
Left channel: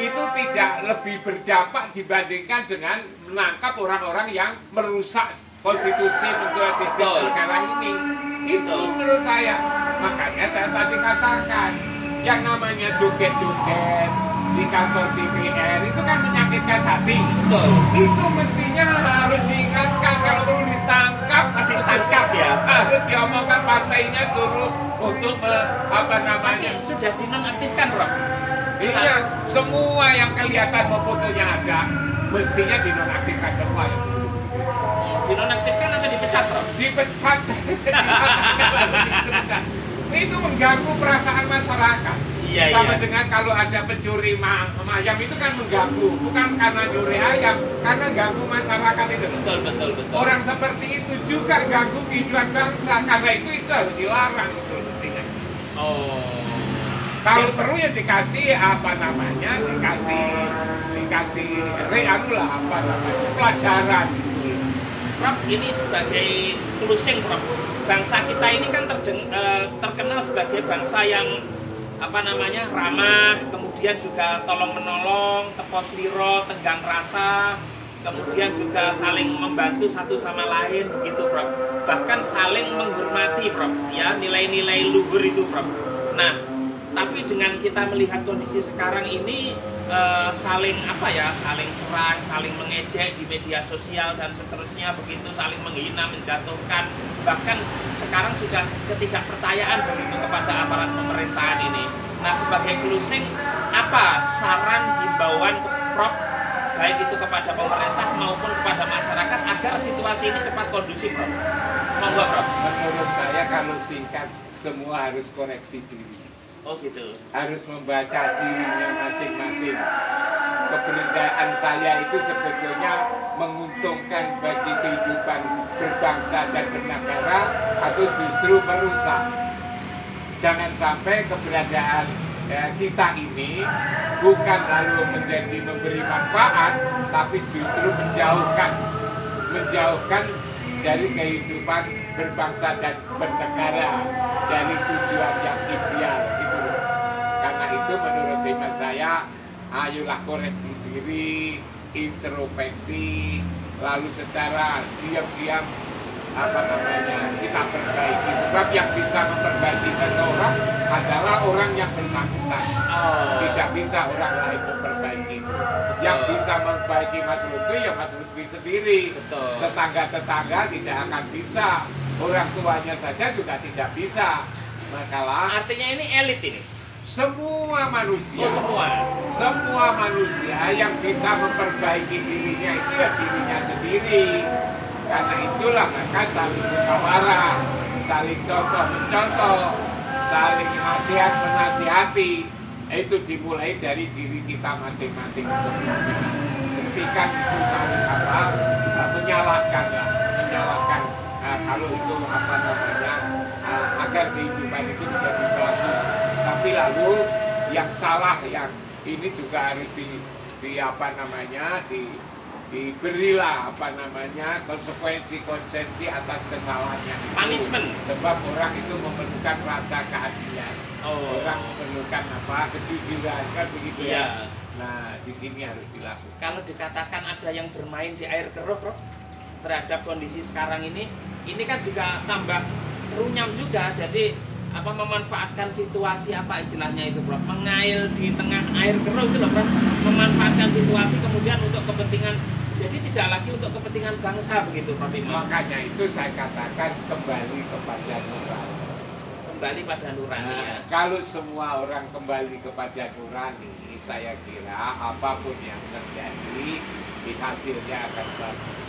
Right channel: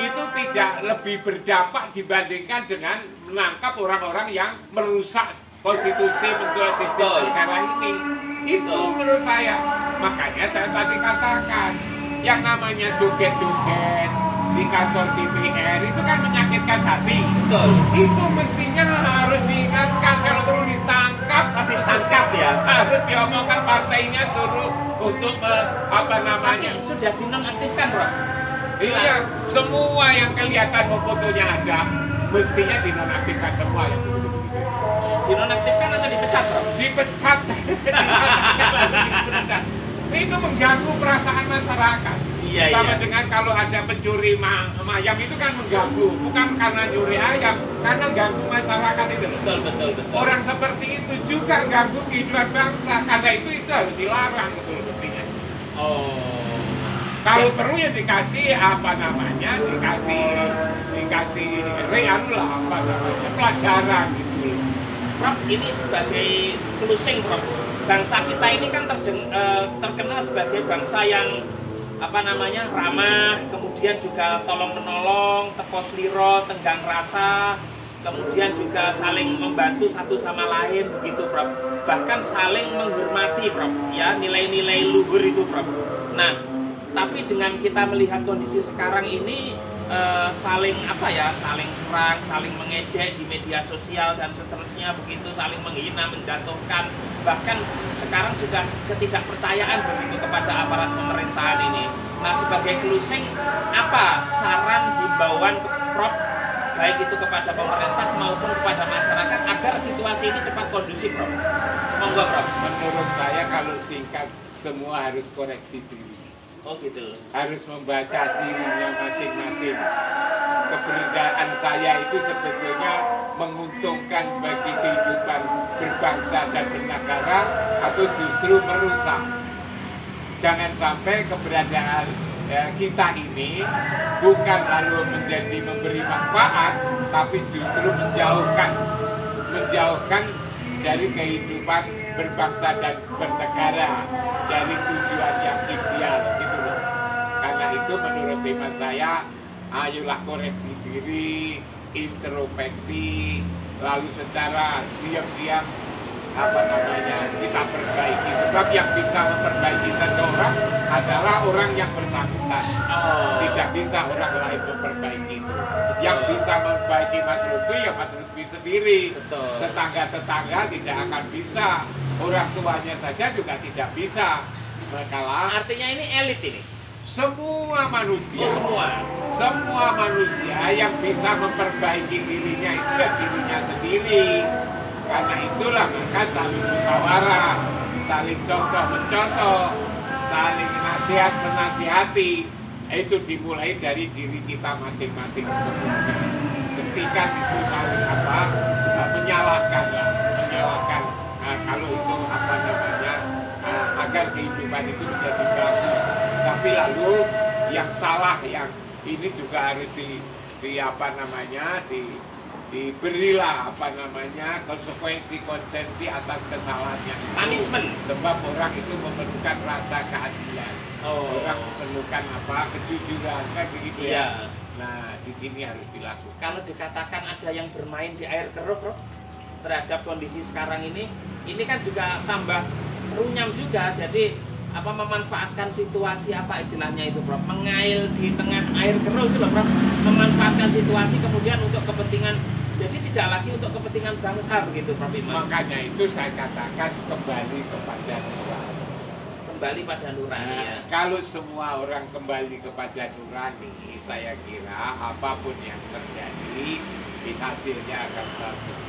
itu tidak lebih berdampak dibandingkan dengan menangkap orang-orang yang merusak konstitusi bentuk sistem negara ini. Itu menurut saya. Makanya saya tadi katakan yang namanya joget-joget di kantor DPR itu kan menyakitkan hati. Betul. Itu mestinya harus diingatkan, kalau perlu ditangkap, Ditangkap ya. harus diomongkan partainya turut untuk Tapi sudah dinonaktifkan Prof. Iya, semua yang kelihatan fotonya ada mestinya dinonaktifkan semua ya. Dinonaktifkan atau dipecat Prof? Dipecat. Itu mengganggu perasaan masyarakat. Iya, Sama iya. dengan kalau ada pencuri ayam itu kan mengganggu, bukan karena nyuri ayam, karena ganggu masyarakat itu. Betul. Orang seperti itu juga ganggu kehidupan bangsa, karena itu harus dilarang betul mestinya. Oh. Kalau perlu ya dikasih pelajaran gitu. Prof, ini sebagai closing Prof. Bangsa kita ini kan terkenal sebagai bangsa yang ramah, kemudian juga tolong menolong, tepos liro, tenggang rasa, kemudian juga saling membantu satu sama lain begitu Prof. Bahkan saling menghormati Prof. Ya, nilai-nilai luhur itu Prof. Nah, tapi dengan kita melihat kondisi sekarang ini saling serang, saling mengejek di media sosial dan seterusnya begitu, saling menghina, menjatuhkan, bahkan sekarang sudah ketidakpercayaan begitu kepada aparat pemerintahan ini. Nah, sebagai closing, apa saran himbauan ke Prof baik itu kepada pemerintah maupun kepada masyarakat agar situasi ini cepat kondusif, Prof? Monggo, Prof. Menurut saya kalau singkat, semua harus koreksi diri. Oh gitu. Harus membaca dirinya masing-masing. Keberadaan saya itu sebetulnya menguntungkan bagi kehidupan berbangsa dan bernegara atau justru merusak. Jangan sampai keberadaan kita ini bukan lalu menjadi memberi manfaat, tapi justru menjauhkan dari kehidupan berbangsa dan bernegara, dari tujuan yang ideal gitu loh. Karena itu menurut hemat saya, ayolah koreksi diri, introspeksi, lalu secara diam-diam kita perbaiki. Sebab yang bisa memperbaiki seseorang adalah orang yang bersangkutan. Tidak bisa orang lain memperbaiki itu. Yang bisa memperbaiki Mas Lutfi ya Mas Lutfi sendiri. Tetangga-tetangga tidak akan bisa. Orang tuanya saja juga tidak bisa. Makalah Artinya ini elit ini? Semua manusia. Semua manusia yang bisa memperbaiki dirinya itu ya dirinya sendiri. Karena itulah maka saling musyawarah, saling contoh-mencontoh, saling nasihat menasihati, itu dimulai dari diri kita masing-masing semuanya. Ketika itu saling menyalahkan kalau itu agar kehidupan itu menjadi bagus. Tapi lalu yang salah yang ini juga harus diberilah konsekuensi atas kesalahannya. Punishment. Sebab orang itu memerlukan rasa keadilan. Orang memerlukan kejujuran, kan begitu ya. Nah, di sini harus dilakukan. Kalau dikatakan ada yang bermain di air keruh, Prof, terhadap kondisi sekarang ini kan juga tambah runyam juga. Jadi memanfaatkan situasi istilahnya itu, Prof, mengail di tengah air keruh itu loh, Prof, memanfaatkan situasi kemudian untuk kepentingan, jadi tidak lagi untuk kepentingan bangsa begitu, Prof Imam. Makanya itu saya katakan kembali kepada nurani. Kembali pada nurani. Ya. Kalau semua orang kembali kepada nurani, saya kira apapun yang terjadi hasilnya akan bagus.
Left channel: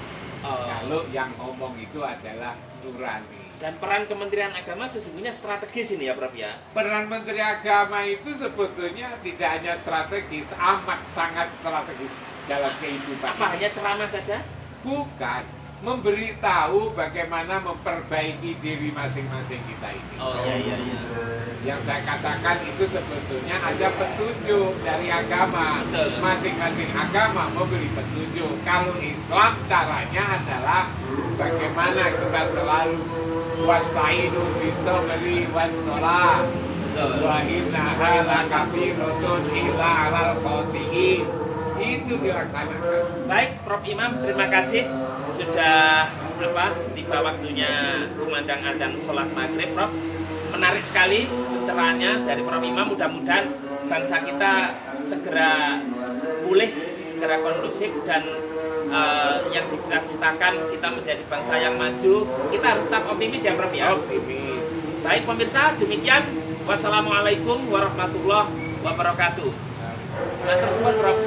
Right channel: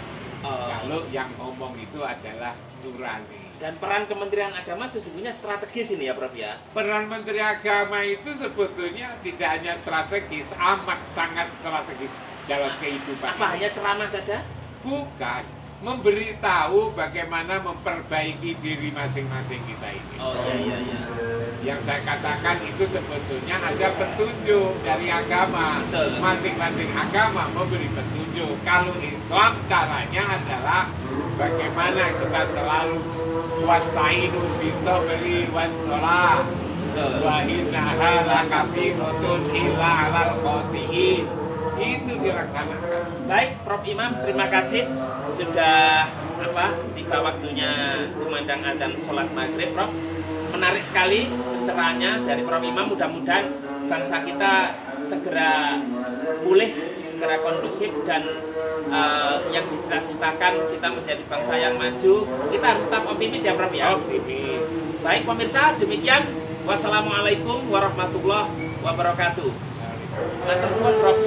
Kalau yang ngomong itu adalah nurani. Dan peran Kementerian Agama sesungguhnya strategis ini ya, Prof ya? Peran Menteri Agama itu sebetulnya tidak hanya strategis, amat sangat strategis dalam kehidupan. Apa hanya ceramah saja? Bukan, memberitahu bagaimana memperbaiki diri masing-masing kita ini. Iya. Yang saya katakan itu sebetulnya ada petunjuk dari agama. Masing-masing agama memberi petunjuk. Kalau Islam caranya adalah bagaimana kita selalu wasta'inu bis-sabri was-shalah wa innaha lakabiratun illa 'alal khashi'in. Itu dilaksanakan. Baik, Prof Imam, terima kasih sudah tiba waktunya kumandang adzan sholat maghrib, Prof. Menarik sekali pencerahannya dari Prof Imam. Mudah-mudahan bangsa kita segera pulih, segera kondusif, dan yang dicita-citakan kita menjadi bangsa yang maju. Kita harus tetap optimis ya, Prof ya. Optimis. Baik pemirsa, demikian. Wassalamualaikum warahmatullahi wabarakatuh. Matur suwun, Prof.